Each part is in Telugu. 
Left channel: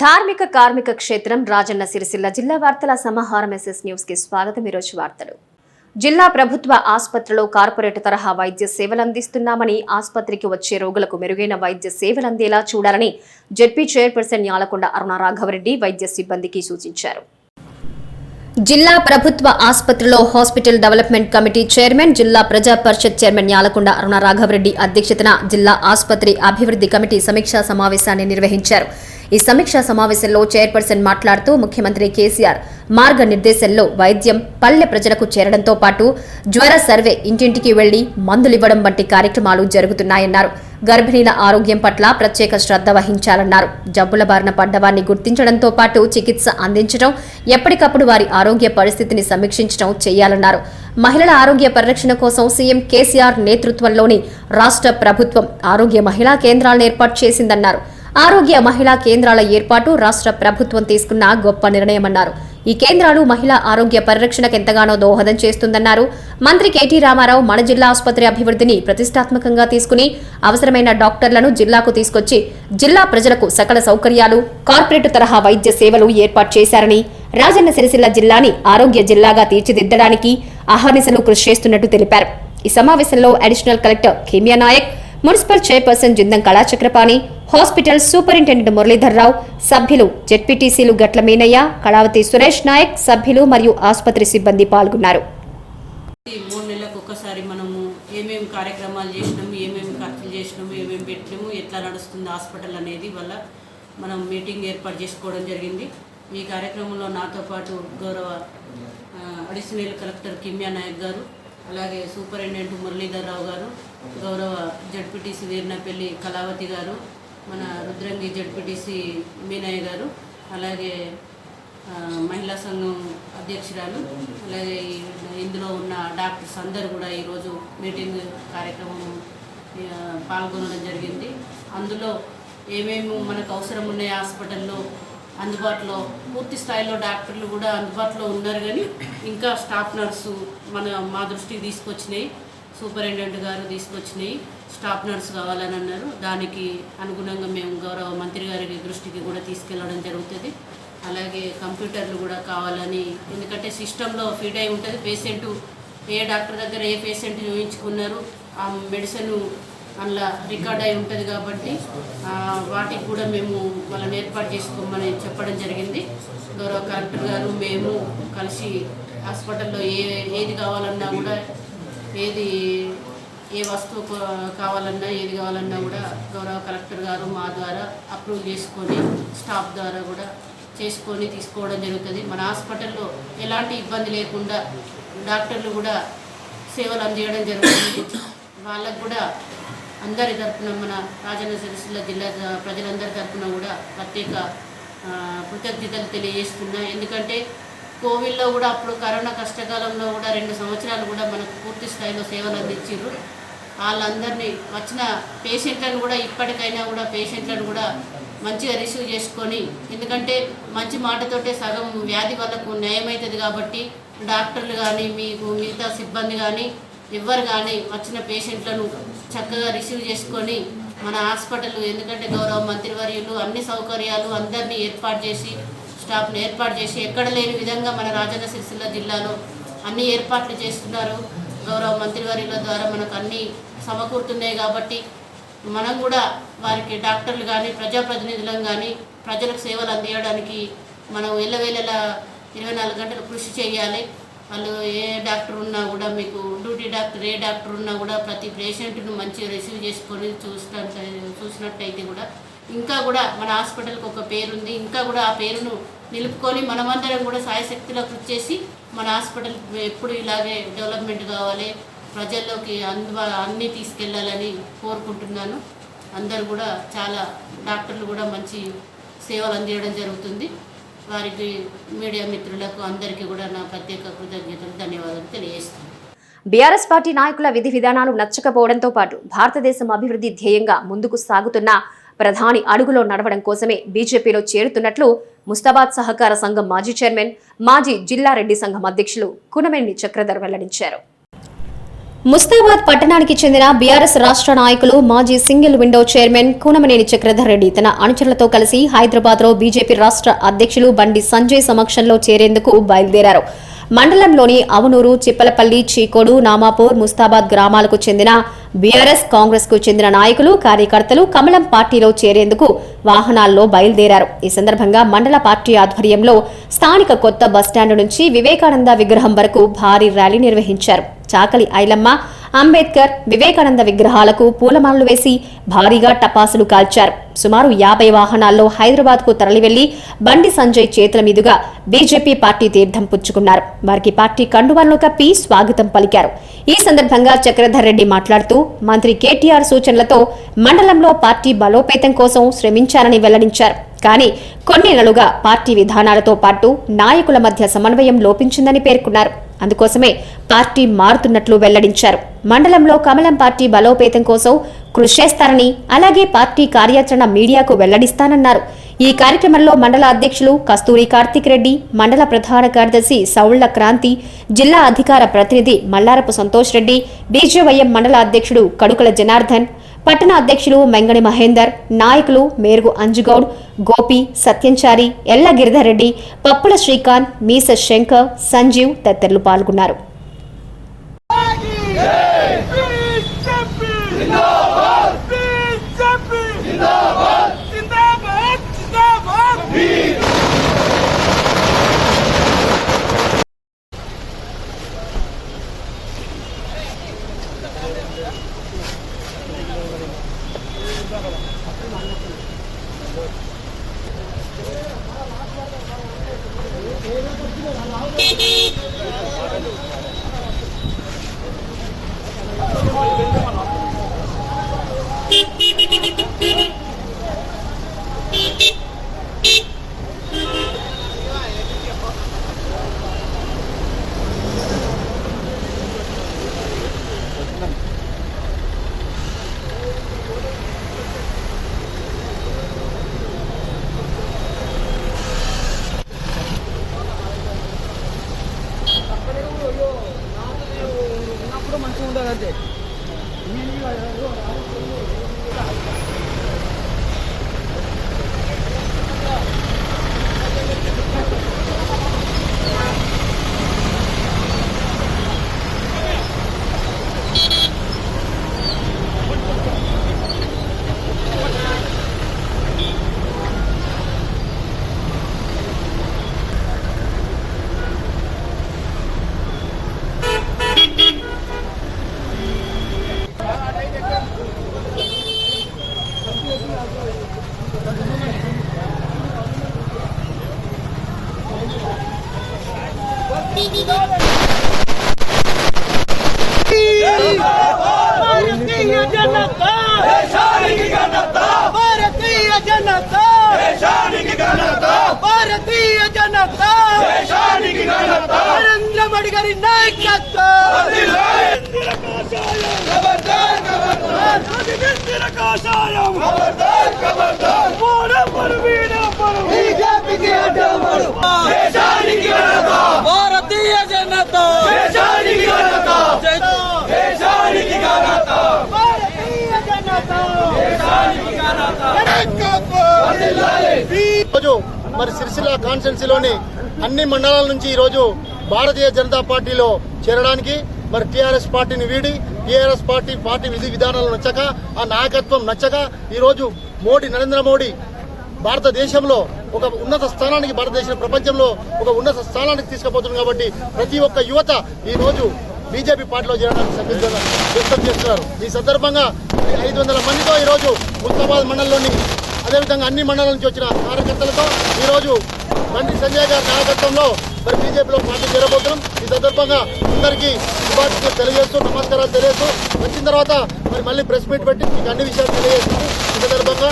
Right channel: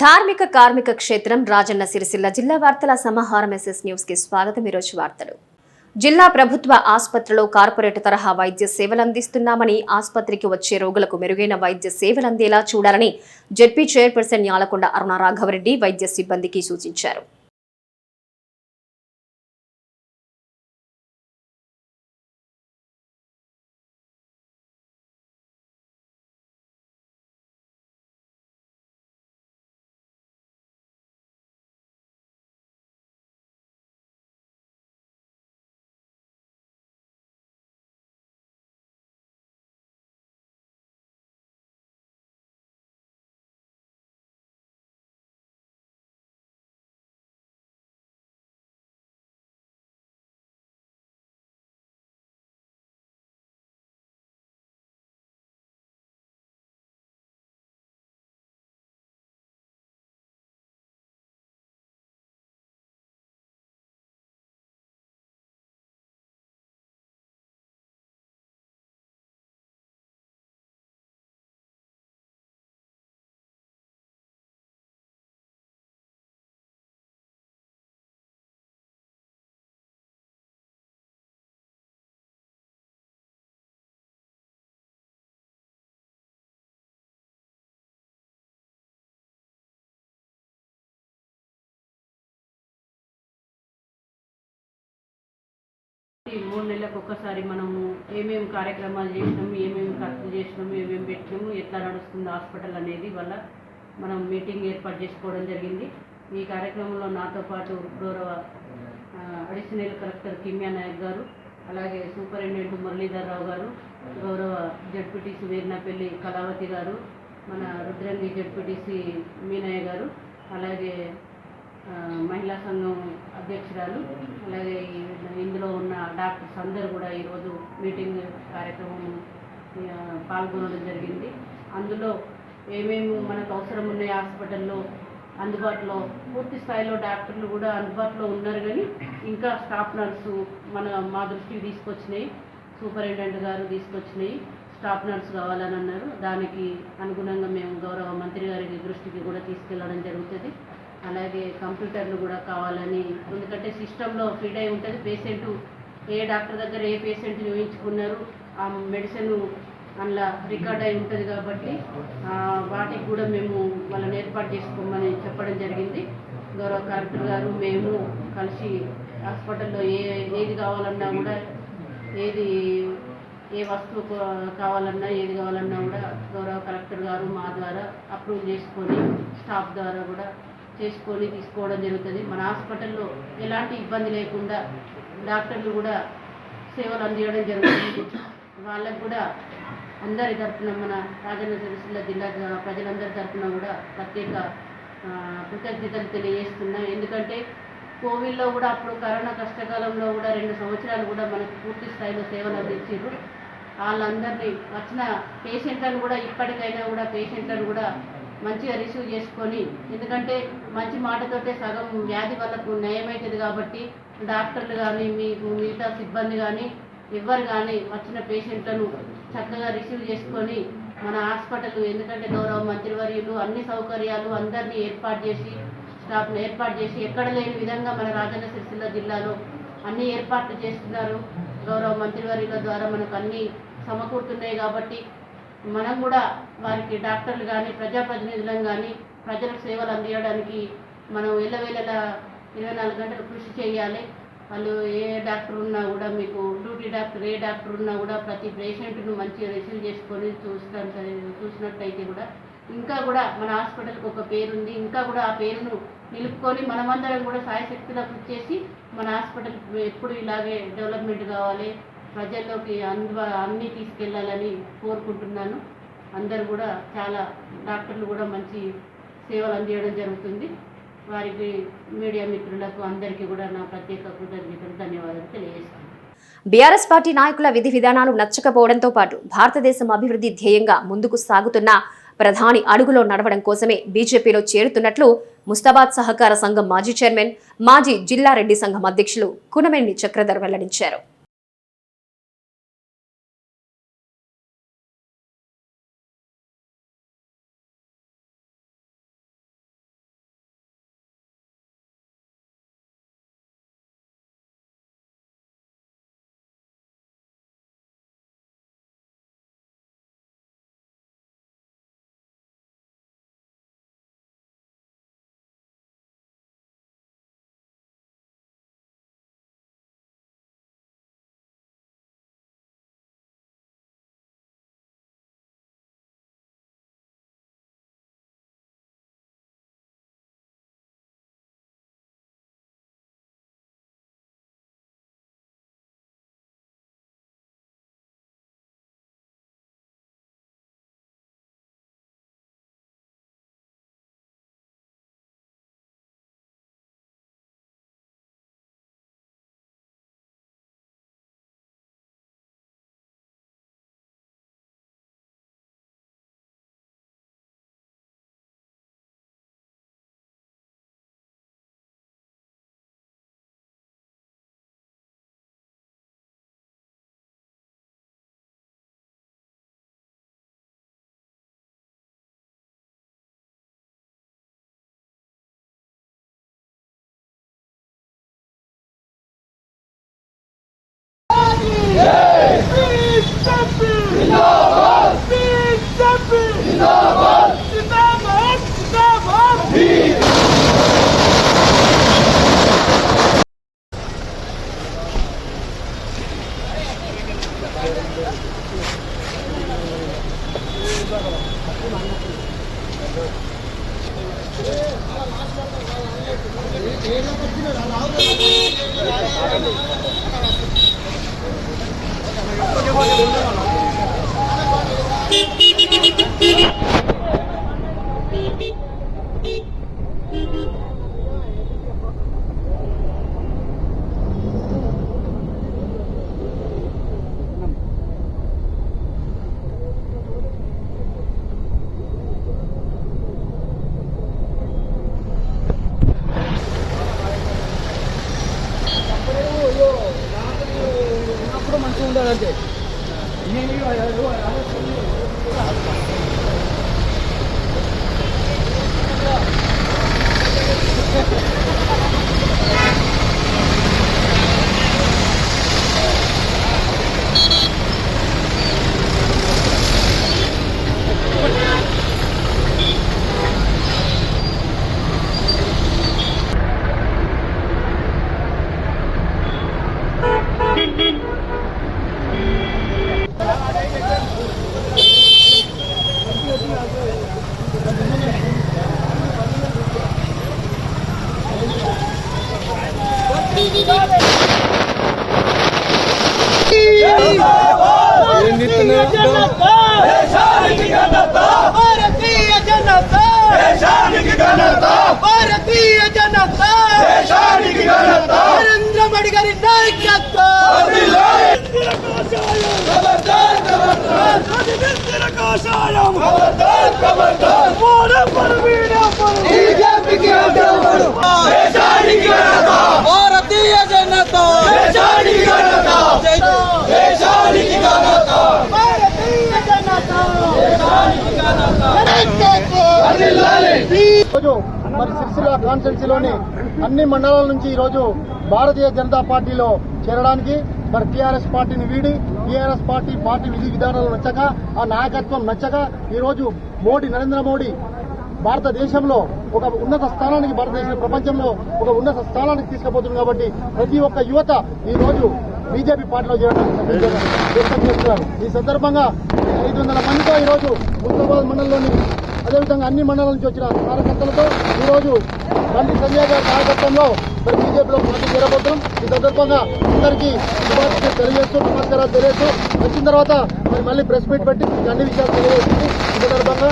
ధార్మిక కార్మిక క్షేత్రం రాజన్న సిరిసిల్ల జిల్లా వార్తల సమాహారం ఎస్ఎస్ న్యూస్ కి స్వాగతం. ఈరోజు వార్తలు. జిల్లా ప్రభుత్వ ఆసుపత్రిలో కార్పొరేట్ తరహా వైద్య సేవలు అందిస్తున్నామని, ఆసుపత్రికి వచ్చే రోగులకు మెరుగైన వైద్య సేవలు అందేలా చూడాలని జెడ్పీ చైర్పర్సన్ యాలకొండ అరుణ రాఘవరెడ్డి వైద్య సిబ్బందికి సూచించారు. జిల్లా ప్రభుత్వ ఆసుపత్రిలో హాస్పిటల్ డెవలప్మెంట్ కమిటీ చైర్మన్, జిల్లా ప్రజా పరిషత్ చైర్మన్ యాలకొండ అరుణ రాఘవరెడ్డి అధ్యక్షతన జిల్లా ఆసుపత్రి అభివృద్ధి కమిటీ సమీక్షా సమావేశాన్ని నిర్వహించారు. ఈ సమీక్షా సమావేశంలో చైర్పర్సన్ మాట్లాడుతూ, ముఖ్యమంత్రి కేసీఆర్ మార్గనిర్దేశంలో వైద్యం పల్లె ప్రజలకు చేరడంతో పాటు జ్వర సర్వే, ఇంటింటికి వెళ్లి మందులివ్వడం వంటి కార్యక్రమాలు జరుగుతున్నాయన్నారు. గర్భిణీల ఆరోగ్యం పట్ల ప్రత్యేక శ్రద్ధ వహించాలన్నారు. జబ్బుల బారిన పడ్డవారిని గుర్తించడంతో పాటు చికిత్స అందించడం, ఎప్పటికప్పుడు వారి ఆరోగ్య పరిస్థితిని సమీక్షించడం చేయాలన్నారు. మహిళల ఆరోగ్య పరిరక్షణ కోసం సీఎం కేసీఆర్ నేతృత్వంలోని రాష్ట్ర ప్రభుత్వం ఆరోగ్య మహిళా కేంద్రాలను ఏర్పాటు చేసిందన్నారు. ఆరోగ్య మహిళా కేంద్రాల ఏర్పాటు రాష్ట్ర ప్రభుత్వం తీసుకున్న గొప్ప నిర్ణయమన్నారు. ఈ కేంద్రాలు మహిళా ఆరోగ్య పరిరక్షణకు ఎంతగానో దోహదం చేస్తుందన్నారు. మంత్రి కేటీ రామారావు మన జిల్లా ఆసుపత్రి అభివృద్ధిని ప్రతిష్టాత్మకంగా తీసుకుని అవసరమైన డాక్టర్లను జిల్లాకు తీసుకొచ్చి జిల్లా ప్రజలకు సకల సౌకర్యాలు, కార్పొరేట్ తరహా వైద్య సేవలు ఏర్పాటు చేశారని, రాజన్న సిరిసిల్ల జిల్లాని ఆరోగ్య జిల్లాగా తీర్చిదిద్దడానికి అహర్నిశలు కృషి చేస్తున్నట్టు తెలిపారు. ఈ సమావేశంలో additional collector Kimiya Nayak, municipal chairperson Jindam Kalachakrapani, hospital superintendent Muralidhar Rao, సభ్యులు జెడ్పీటీసీలు గట్ల మీనయ్య, కళావతి సురేష్ నాయక్, సభ్యులు మరియు ఆసుపత్రి సిబ్బంది పాల్గొన్నారు. 3 నెలలకు ఒకసారి మనము ఏమేమి కార్యక్రమాలు చేసినాము, ఏమేమి ఖర్చులు చేసినాము, ఏమేమి పెట్టినాము, ఎట్లా నడుస్తుంది హాస్పిటల్ అనేది వల్ల మనం మీటింగ్ ఏర్పాటు చేసుకోవడం జరిగింది. ఈ కార్యక్రమంలో నాతో పాటు గౌరవ అడిషనల్ కలెక్టర్ కిమియా నాయక్ గారు, అలాగే సూపరింటెండెంట్ మురళీధర్రావు గారు, గౌరవ జెడ్పీటీసీ వీర్నపల్లి కళావతి గారు, మన రుద్రంగి జెడ్పీటీసీ మీనయ్య గారు, అలాగే మహిళా సంఘం అధ్యక్షురాలు, అలాగే ఇందులో ఉన్న డాక్టర్స్ అందరూ కూడా ఈరోజు మీటింగ్ కార్యక్రమం పాల్గొనడం జరిగింది. అందులో ఏమేమి మనకు అవసరం ఉన్నాయి హాస్పిటల్లో అందుబాటులో, పూర్తి స్థాయిలో డాక్టర్లు కూడా అందుబాటులో ఉన్నారు, కానీ ఇంకా స్టాఫ్ నర్సు మా దృష్టికి తీసుకొచ్చినాయి, సూపరింటెండెంట్ గారు తీసుకొచ్చినాయి, స్టాఫ్ నర్సు కావాలని అన్నారు. దానికి అనుగుణంగా మేము గౌరవ మంత్రి గారి దృష్టికి కూడా తీసుకెళ్ళడం జరుగుతుంది. అలాగే కంప్యూటర్లు కూడా కావాలని, ఎందుకంటే సిస్టంలో ఫీడ్ అయి ఉంటుంది. పేషెంట్ ఏ డాక్టర్ దగ్గర ఏ పేషెంట్ చూపించుకున్నారు, ఆ మెడిసిన్ అందులో రికార్డ్ అయి ఉంటుంది కాబట్టి వాటికి కూడా మేము వాళ్ళని ఏర్పాటు చేసుకోమని చెప్పడం జరిగింది. గౌరవ కలెక్టర్ గారు మేము కలిసి హాస్పిటల్లో ఏది కావాలన్నా కూడా, ఏ వస్తువు కావాలన్నా ఏది కావాలన్నా కూడా గౌరవ కలెక్టర్ గారు మా ద్వారా అప్రూవ్ చేసుకొని, స్టాఫ్ ద్వారా కూడా చేసుకొని తీసుకోవడం జరుగుతుంది. మన హాస్పిటల్లో ఎలాంటి ఇబ్బంది లేకుండా డాక్టర్లు కూడా సేవలు అందించడం జరుగుతుంది. వాళ్ళకు కూడా అందరి తరఫున, మన రాజన్న సిరిసిల్ల జిల్లా ప్రజలందరి తరఫున కూడా ప్రత్యేక కృతజ్ఞతలు తెలియజేస్తున్నా. ఎందుకంటే కోవిడ్లో కూడా, అప్పుడు కరోనా కష్టకాలంలో కూడా 2 సంవత్సరాలు కూడా మనకు పూర్తి స్థాయిలో సేవలు అందించారు. వాళ్ళందరినీ వచ్చిన పేషెంట్లను కూడా ఇప్పటికైనా కూడా పేషెంట్లను కూడా మంచిగా రిసీవ్ చేసుకొని, ఎందుకంటే మంచి మాటతోటే సగం వ్యాధి వాళ్ళకు నయమవుతుంది కాబట్టి డాక్టర్లు కానీ మీకు మిగతా సిబ్బంది కానీ ఎవ్వరు కానీ వచ్చిన పేషెంట్లను చక్కగా రిసీవ్ చేసుకొని మన హాస్పిటల్, ఎందుకంటే గౌరవ మంత్రివర్యులు అన్ని సౌకర్యాలు అందరినీ ఏర్పాటు చేసి, స్టాఫ్ను ఏర్పాటు చేసి ఎక్కడ లేని విధంగా మన రాజన్న సిరిసిల్ల జిల్లాలో అన్ని ఏర్పాట్లు చేస్తున్నారు. గౌరవ మంత్రివర్యుల ద్వారా మనకు అన్నీ సమకూరుతున్నాయి కాబట్టి మనం కూడా వారికి డాక్టర్లు కానీ ప్రజాప్రతినిధులను కానీ ప్రజలకు సేవలు అందించడానికి మనం ఎల్లవేళలా 24 గంటలు కృషి చేయాలి. వాళ్ళు ఏ డాక్టర్ ఉన్నా కూడా, మీకు డ్యూటీ డాక్టర్ ఏ డాక్టర్ ఉన్నా కూడా ప్రతి పేషెంట్ను మంచిగా రిసీవ్ చేసుకొని చూసినట్టయితే కూడా ఇంకా కూడా మన హాస్పిటల్కి ఒక పేరుంది. ఇంకా కూడా ఆ పేరును నిలుపుకొని మనమందరం కూడా సాయశక్తిలో కృషి చేసి మన హాస్పిటల్ ఎప్పుడు ఇలాగే డెవలప్మెంట్ కావాలి, ప్రజల్లోకి అన్నీ తీసుకెళ్ళాలని కోరుకుంటున్నాను. అందరూ కూడా చాలా డాక్టర్లు కూడా మంచి సేవలు అందించడం జరుగుతుంది. వారికి మీడియా మిత్రులకు అందరికీ కూడా నా ప్రత్యేక కృతజ్ఞతలు, ధన్యవాదాలు తెలియజేస్తాను. బీఆర్ఎస్ పార్టీ నాయకుల విధి విధానాలు నచ్చకపోవడంతో పాటు భారతదేశం అభివృద్ధి ధ్యేయంగా ముందుకు సాగుతున్న ప్రధాని అడుగులో నడవడం కోసమే బీజేపీలో చేరుతున్నట్లు ముస్తాబాద్ సహకార సంఘం మాజీ చైర్మన్, మాజీ జిల్లా రెడ్డి సంఘం అధ్యక్షులు కునమెన్ని చక్రధర్ వెల్లడించారు. ముస్తాబాద్ పట్టణానికి చెందిన బీఆర్ఎస్ రాష్ట్ర నాయకులు మాజీ single window chairman Kunamneni Chakradhar Reddy తన అనుచరులతో కలిసి హైదరాబాద్లో బీజేపీ రాష్ట్ర అధ్యక్షులు బండి సంజయ్ సమక్షంలో చేరేందుకు బయలుదేరారు. మండలంలోని అవనూరు, చిప్పలపల్లి, చీకోడు, నామాపూర్, ముస్తాబాద్ గ్రామాలకు చెందిన బీఆర్ఎస్, కాంగ్రెస్ కు చెందిన నాయకులు, కార్యకర్తలు కమలం పార్టీలో చేరేందుకు వాహనాల్లో బయలుదేరారు. ఈ సందర్భంగా మండల పార్టీ ఆధ్వర్యంలో స్థానిక కొత్త బస్టాండ్ నుంచి వివేకానంద విగ్రహం వరకు భారీ ర్యాలీ నిర్వహించారు. చాకలి ఐలమ్మ, అంబేద్కర్, వివేకానంద విగ్రహాలకు పూలమాలలు వేసి భారీగా టపాసులు కాల్చారు. సుమారు 50 వాహనాల్లో హైదరాబాద్ కు తరలివెళ్లి బండి సంజయ్ చేతుల మీదుగా బీజేపీ పార్టీ తీర్థం పుచ్చుకున్నారు. వారికి పార్టీ కండువాలను కప్పి స్వాగతం పలికారు. ఈ సందర్భంగా చక్రధర్ రెడ్డి మాట్లాడుతూ మంత్రి కేటీఆర్ సూచనలతో మండలంలో పార్టీ బలోపేతం కోసం శ్రమించారని వెల్లడించారు. కానీ కొన్నేళ్లుగా పార్టీ విధానాలతో పాటు నాయకుల మధ్య సమన్వయం లోపించిందని పేర్కొన్నారు. అందుకోసమే పార్టీ మారుతున్నట్లు వెల్లడించారు. మండలంలో కమలం పార్టీ బలోపేతం కోసం కృషి చేస్తారని, అలాగే పార్టీ కార్యాచరణ మీడియాకు వెల్లడిస్తానన్నారు. ఈ కార్యక్రమంలో మండల అధ్యక్షులు కస్తూరి కార్తిక్ రెడ్డి, మండల ప్రధాన కార్యదర్శి సౌళ్ల క్రాంతి, జిల్లా అధికార ప్రతినిధి మల్లారపు సంతోష్ రెడ్డి, బీజేవైఎం మండల అధ్యక్షుడు కడుకల జనార్దన్, పట్టణ అధ్యక్షులు మెంగని మహేందర్, నాయకులు మేరుగు అంజుగౌడ్, గోపి, సత్యంచారి, ఎల్ల గిరిధర్రెడ్డి, పప్పుల శ్రీకాంత్, మీస శంకర్, సంజీవ్ తదితరులు పాల్గొన్నారు. మంచిగా ఉండదు అంతే. నరేంద్ర మోడీ గారి నాయకత్వం. భారతీయ జనతా ఈరోజు మరి సిరిసిల్ల కాన్స్టిట్యున్సీలోని అన్ని మండలాల నుంచి ఈరోజు భారతీయ జనతా పార్టీలో చేరడానికి మరి టీఆర్ఎస్ పార్టీని వీడి టీఆర్ఎస్ పార్టీ విధి విధానాలు నచ్చక, ఆ నాయకత్వం నచ్చక ఈరోజు నరేంద్ర మోడీ భారతదేశంలో ఒక ఉన్నత స్థానానికి, భారతదేశం ప్రపంచంలో ఒక ఉన్నత స్థానానికి తీసుకుపోతుంది. కాబట్టి ప్రతి ఒక్క యువత ఈరోజు బీజేపీ పార్టీలో చేరడానికి సంసిద్ధంగా వ్యక్తం చేస్తున్నారు. ఈ సందర్భంగా 500 మందితో ఈరోజు ముస్తాబాద్ మండలంలోని, అదేవిధంగా అన్ని మండలాల నుంచి వచ్చిన కార్యకర్తలతో ఈరోజు బండి సంజయ్ గారి నాయకత్వంలో మరి బీజేపీలో పార్టీ చేరబోతున్నాం. ఈ సందర్భంగా అందరికీ శుభాకాంక్షలు తెలియజేస్తూ, నమస్కారాలు తెలియజేస్తూ, వచ్చిన తర్వాత మరి మళ్ళీ ప్రెస్ మీట్ పెట్టి మీకు అన్ని విషయాలు తెలియజేస్తూ ఈ సందర్భంగా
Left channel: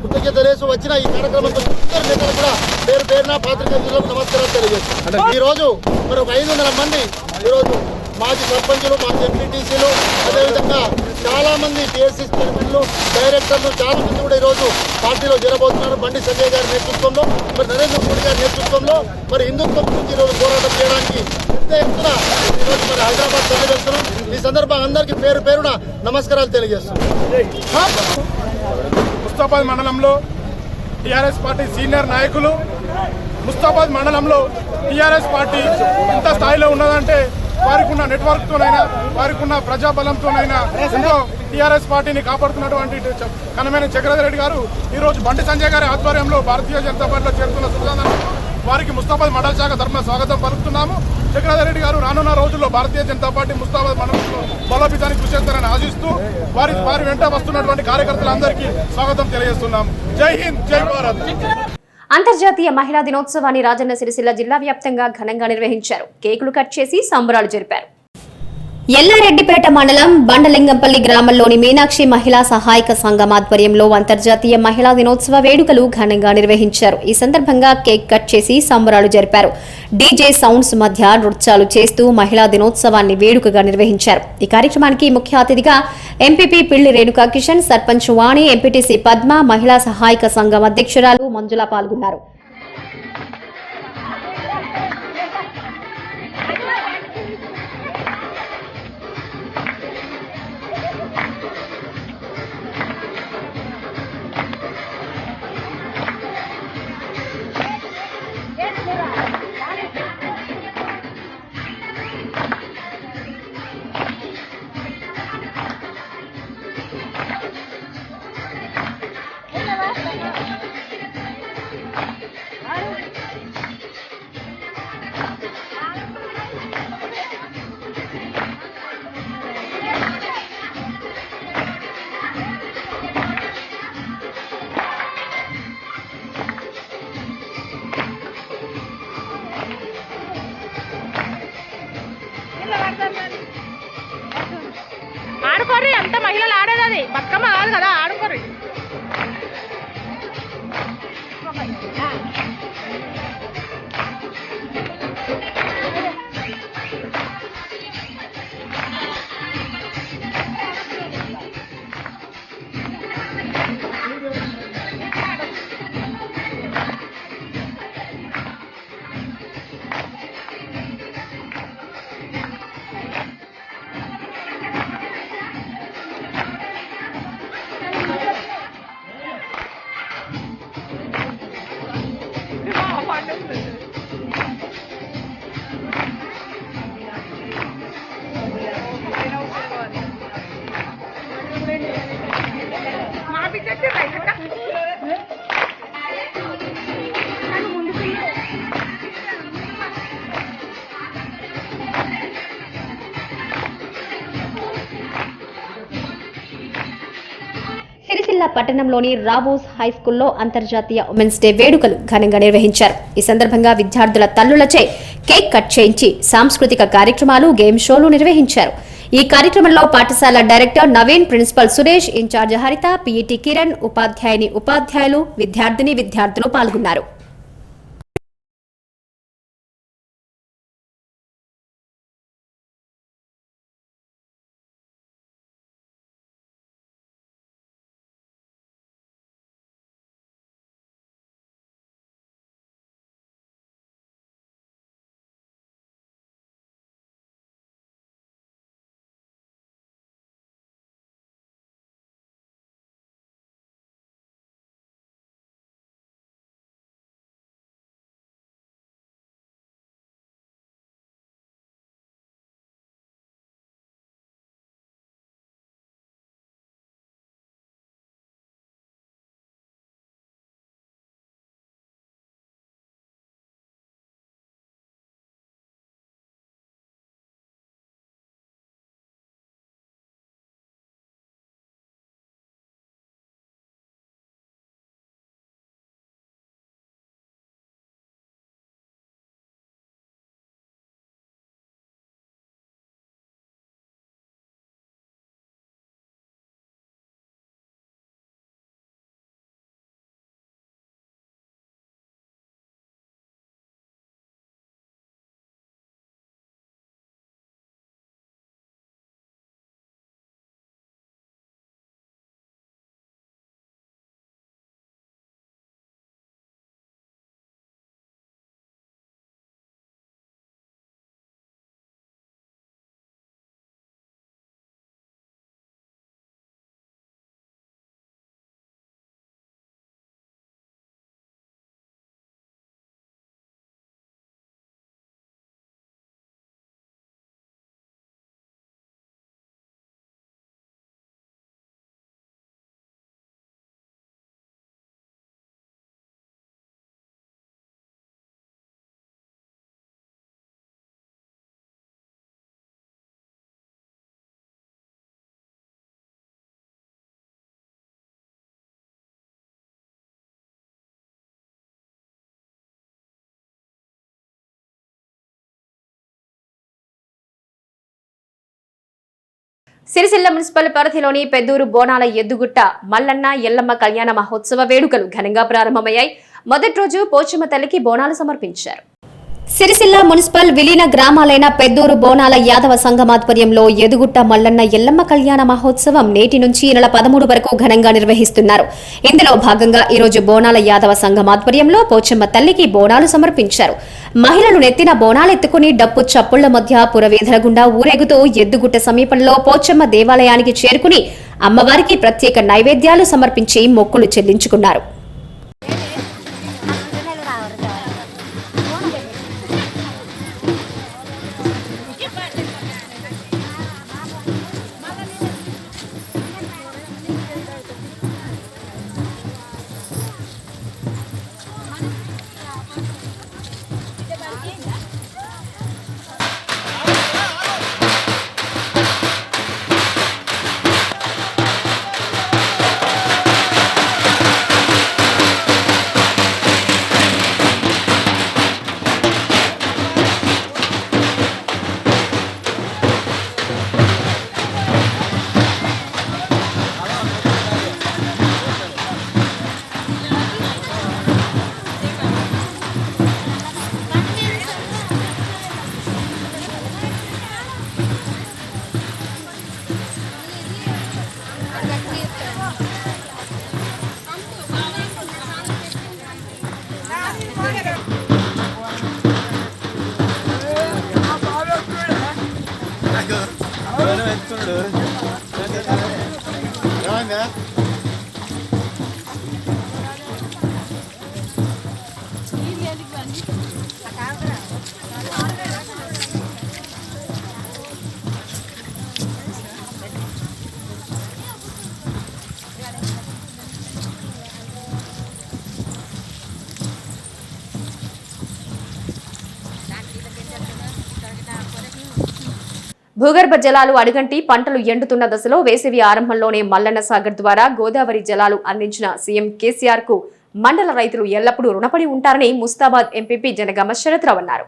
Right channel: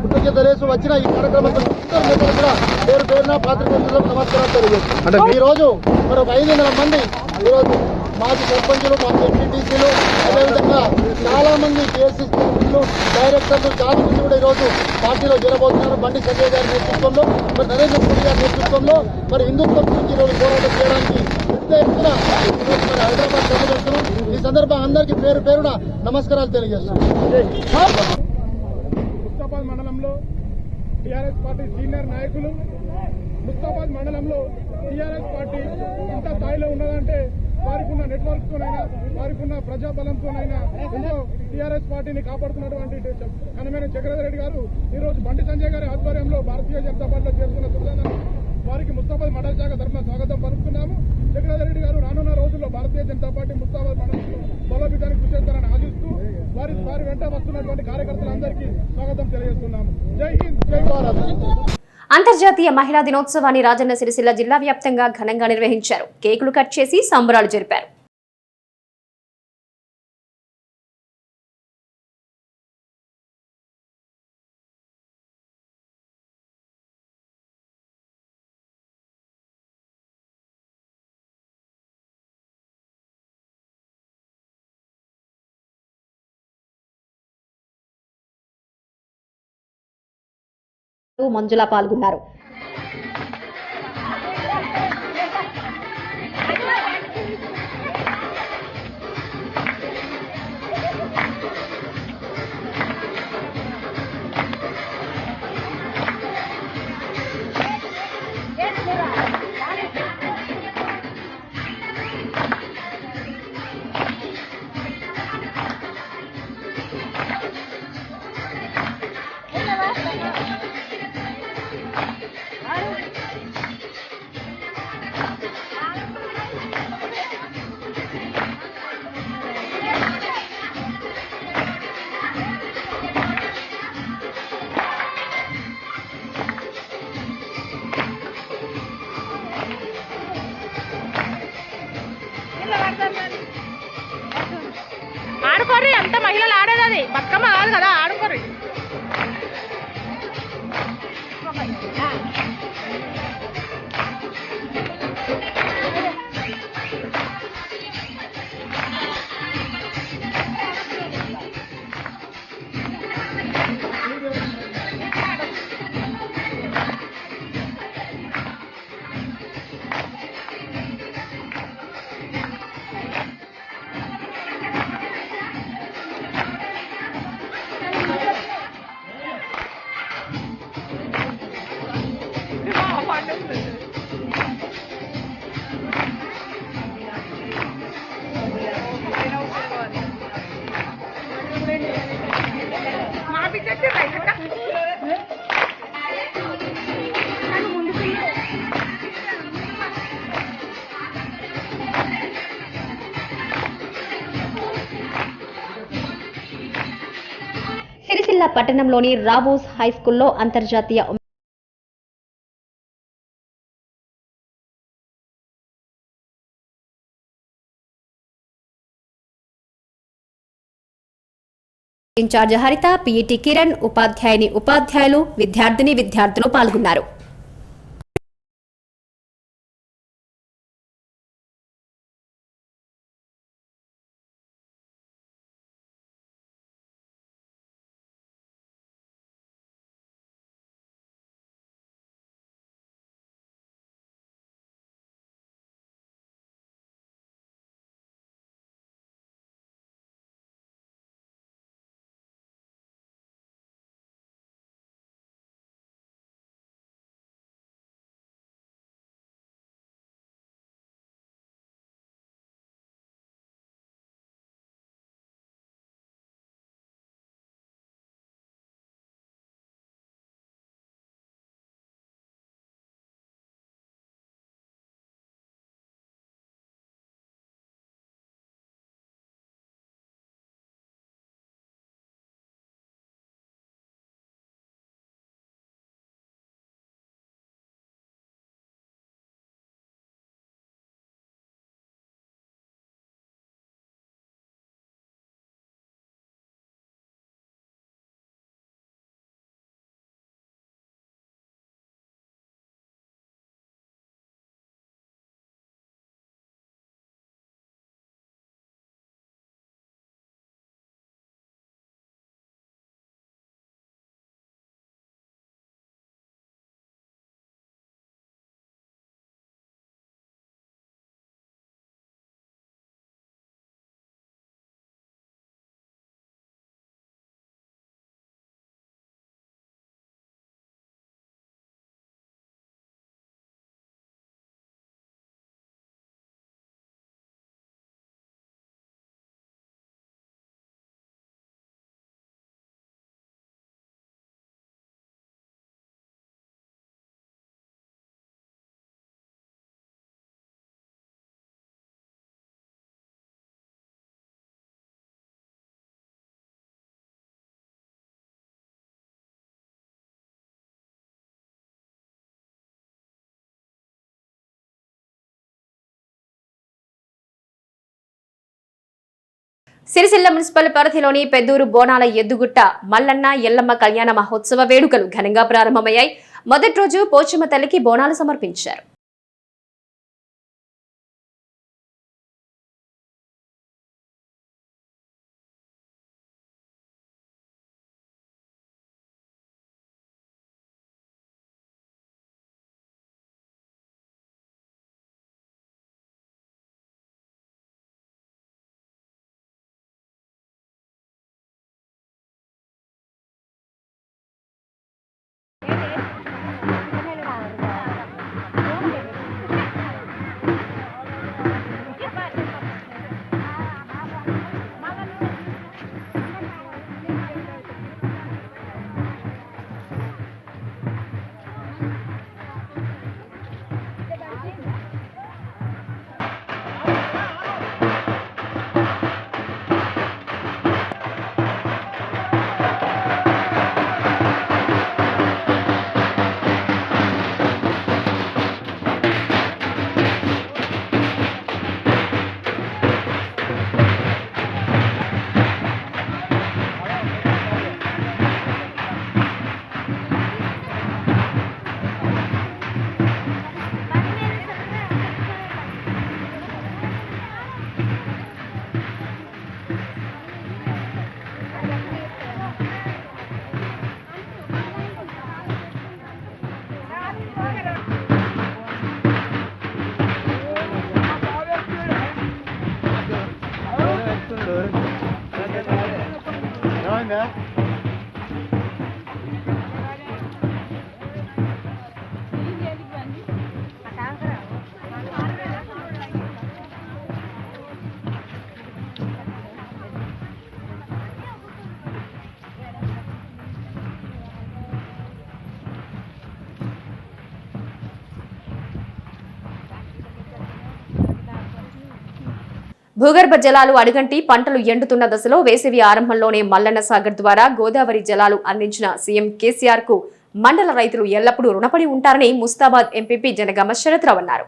కృతజ్ఞత తెలియజేస్తూ వచ్చిన ఈ కార్యక్రమంతో అందరి నేతలు కూడా పేరు పేరున పాత్రికేయులకు నమస్కారాలు తెలియజేస్తాం. ఈ రోజు మరి 500 మంది ఈరోజు మాజీ సర్పంచులు, మాజీ ఎంపీటీసీలు, అదేవిధంగా చాలా మంది కేఎస్సీ చైర్మన్లు, డైరెక్టర్లు చాలా మంది కూడా ఈరోజు పార్టీలో చేరబోతున్నారు. బండి సంజయ్ గారి నేతృత్వంలో, మరి నరేంద్ర మోడీ గారి నేతృత్వంలో మరి హిందుత్వం గురించి ఈరోజు పోరాటం చేయడానికి పెద్ద ఎత్తున ఈరోజు మరి హైదరాబాద్ తెలియజేస్తున్నాం. ఈ సందర్భంగా అందరికీ పేరు పేరున నమస్కారాలు తెలియజేస్తున్నాం. ముస్తాబాద్ మండలంలో టీఆర్ఎస్ పార్టీ సీనియర్ నాయకులు, ముస్తాబాద్ మండలంలో టీఆర్ఎస్ పార్టీ ఎంత స్థాయిలో ఉన్నదంటే వారికి ఉన్న నెట్వర్క్తోనైనా వారికి ఉన్న ప్రజాబలంతోనైనా ఎంతో టీఆర్ఎస్ పార్టీని కాపాడుతున్నటువంటి కనమైన చక్రధరెడ్డి గారు ఈరోజు బండి సంజయ్ గారి ఆధ్వర్యంలో భారతీయ జనతా పార్టీలో చేరుతున్న సుధాంధ్ర వారికి ముస్తాబాద్ మండల శాఖ తరఫున స్వాగతం పలుకుతున్నాము. చక్రధరెడ్డి గారు రానున్న రోజుల్లో భారతీయ జనతా పార్టీ ముస్తాబాద్ మండలంలో బలోపేతానికి కృషి చేస్తారని ఆశిస్తూ వారి వెంట వస్తున్నటువంటి కార్యకర్తలందరికీ స్వాగతం తెలియజేస్తున్నాము. జై హింద్, జై భారత్. అంతర్జాతీయ మహిళా దినోత్సవాన్ని రాజన్న సిరిసిల్ల జిల్లా వ్యాప్తంగా ఘనంగా నిర్వహించారు. కేకులు కట్ చేసి సంబరాలు జరిపారు. ఎల్లారెడ్డిపేట మండలం బండలింగంపల్లి గ్రామంలోని మీనాక్షి మహిళా సహాయక సంఘం ఆధ్వర్యంలో అంతర్జాతీయ మహిళా దినోత్సవ వేడుకలు ఘనంగా నిర్వహించారు. ఈ సందర్భంగా కేక్ కట్ చేసి సంబరాలు జరిపారు. డీజే సౌండ్స్ మధ్య నృత్యాలు చేస్తూ మహిళా దినోత్సవాన్ని వేడుకగా నిర్వహించారు. ఈ కార్యక్రమానికి ముఖ్య అతిథిగా ఎంపీపీ పిల్లి రేణుకా కిషన్, సర్పంచ్ వాణి, ఎంపీటీసీ పద్మ, మహిళా సహాయక సంఘం అధ్యక్షురాలు మంజుల పాల్గొన్నారు. ఆడుకోర్రి, అంత మహిళలు ఆడేది అది బతుకమ్మ కాదు కదా, ఆడుకోర్రి. సిరిసిల్ల పట్టణంలోని రావోస్ హైస్కూల్లో అంతర్జాతీయ ఉమెన్స్ డే వేడుకలు ఘనంగా నిర్వహించారు. ఈ సందర్భంగా విద్యార్థుల తల్లులచే కేక్ కట్ చేయించి సాంస్కృతిక కార్యక్రమాలు, గేమ్ షోలు నిర్వహించారు. ఈ కార్యక్రమంలో పాఠశాల director Naveen, principal Suresh, incharge Haritha, PET Kiran, ఉపాధ్యాయులు, విద్యార్థులు పాల్గొన్నారు. సిరిసిల్ల మున్సిపల్ పరిధిలోని పెద్దూరు బోనాల ఎద్దుగుట్ట మల్లన్న ఎల్లమ్మ కళ్యాణ మహోత్సవ వేడుకలు ఘనంగా ప్రారంభమయ్యాయి. మొదటి రోజు పోచమ్మ తల్లికి బోనాలు సమర్పించారు. సిరిసిల్ల మున్సిపల్ విలీన గ్రామాలైన పెద్దూరు బోనాల యాదవ సంఘమాధ్వర్యంలో ఎదుగుట్ట మల్లన్న ఎల్లమ్మ కళ్యాణ మహోత్సవం నేటి నుంచి ఈ నెల 13 వరకు ఘనంగా నిర్వహిస్తున్నారు. ఇందులో భాగంగా ఈరోజు బోనాల యాదవ సంఘమాధ్వర్యంలో పోచమ్మ తల్లికి బోనాలు సమర్పించారు. మహిళలు నెత్తిన బోనాలెత్తుకుని డప్పు చప్పుళ్ల మధ్య పురవీధుల గుండా ఊరేగుతూ ఎద్దుగుట్ట సమీపంలో పోచమ్మ దేవాలయానికి చేరుకుని అమ్మవారికి ప్రత్యేక నైవేద్యాలు సమర్పించి మొక్కులు చెల్లించుకున్నారు. భూగర్భ జలాలు అడుగంటి పంటలు ఎండుతున్న దశలో వేసవి ఆరంభంలోనే మల్లన్న సాగర్ ద్వారా గోదావరి జలాలు అందించిన సీఎం కేసీఆర్ కు మండల రైతులు ఎల్లప్పుడూ రుణపడి ఉంటారని ముస్తాబాద్ ఎంపీపీ జనగామ శరత్రావు అన్నారు.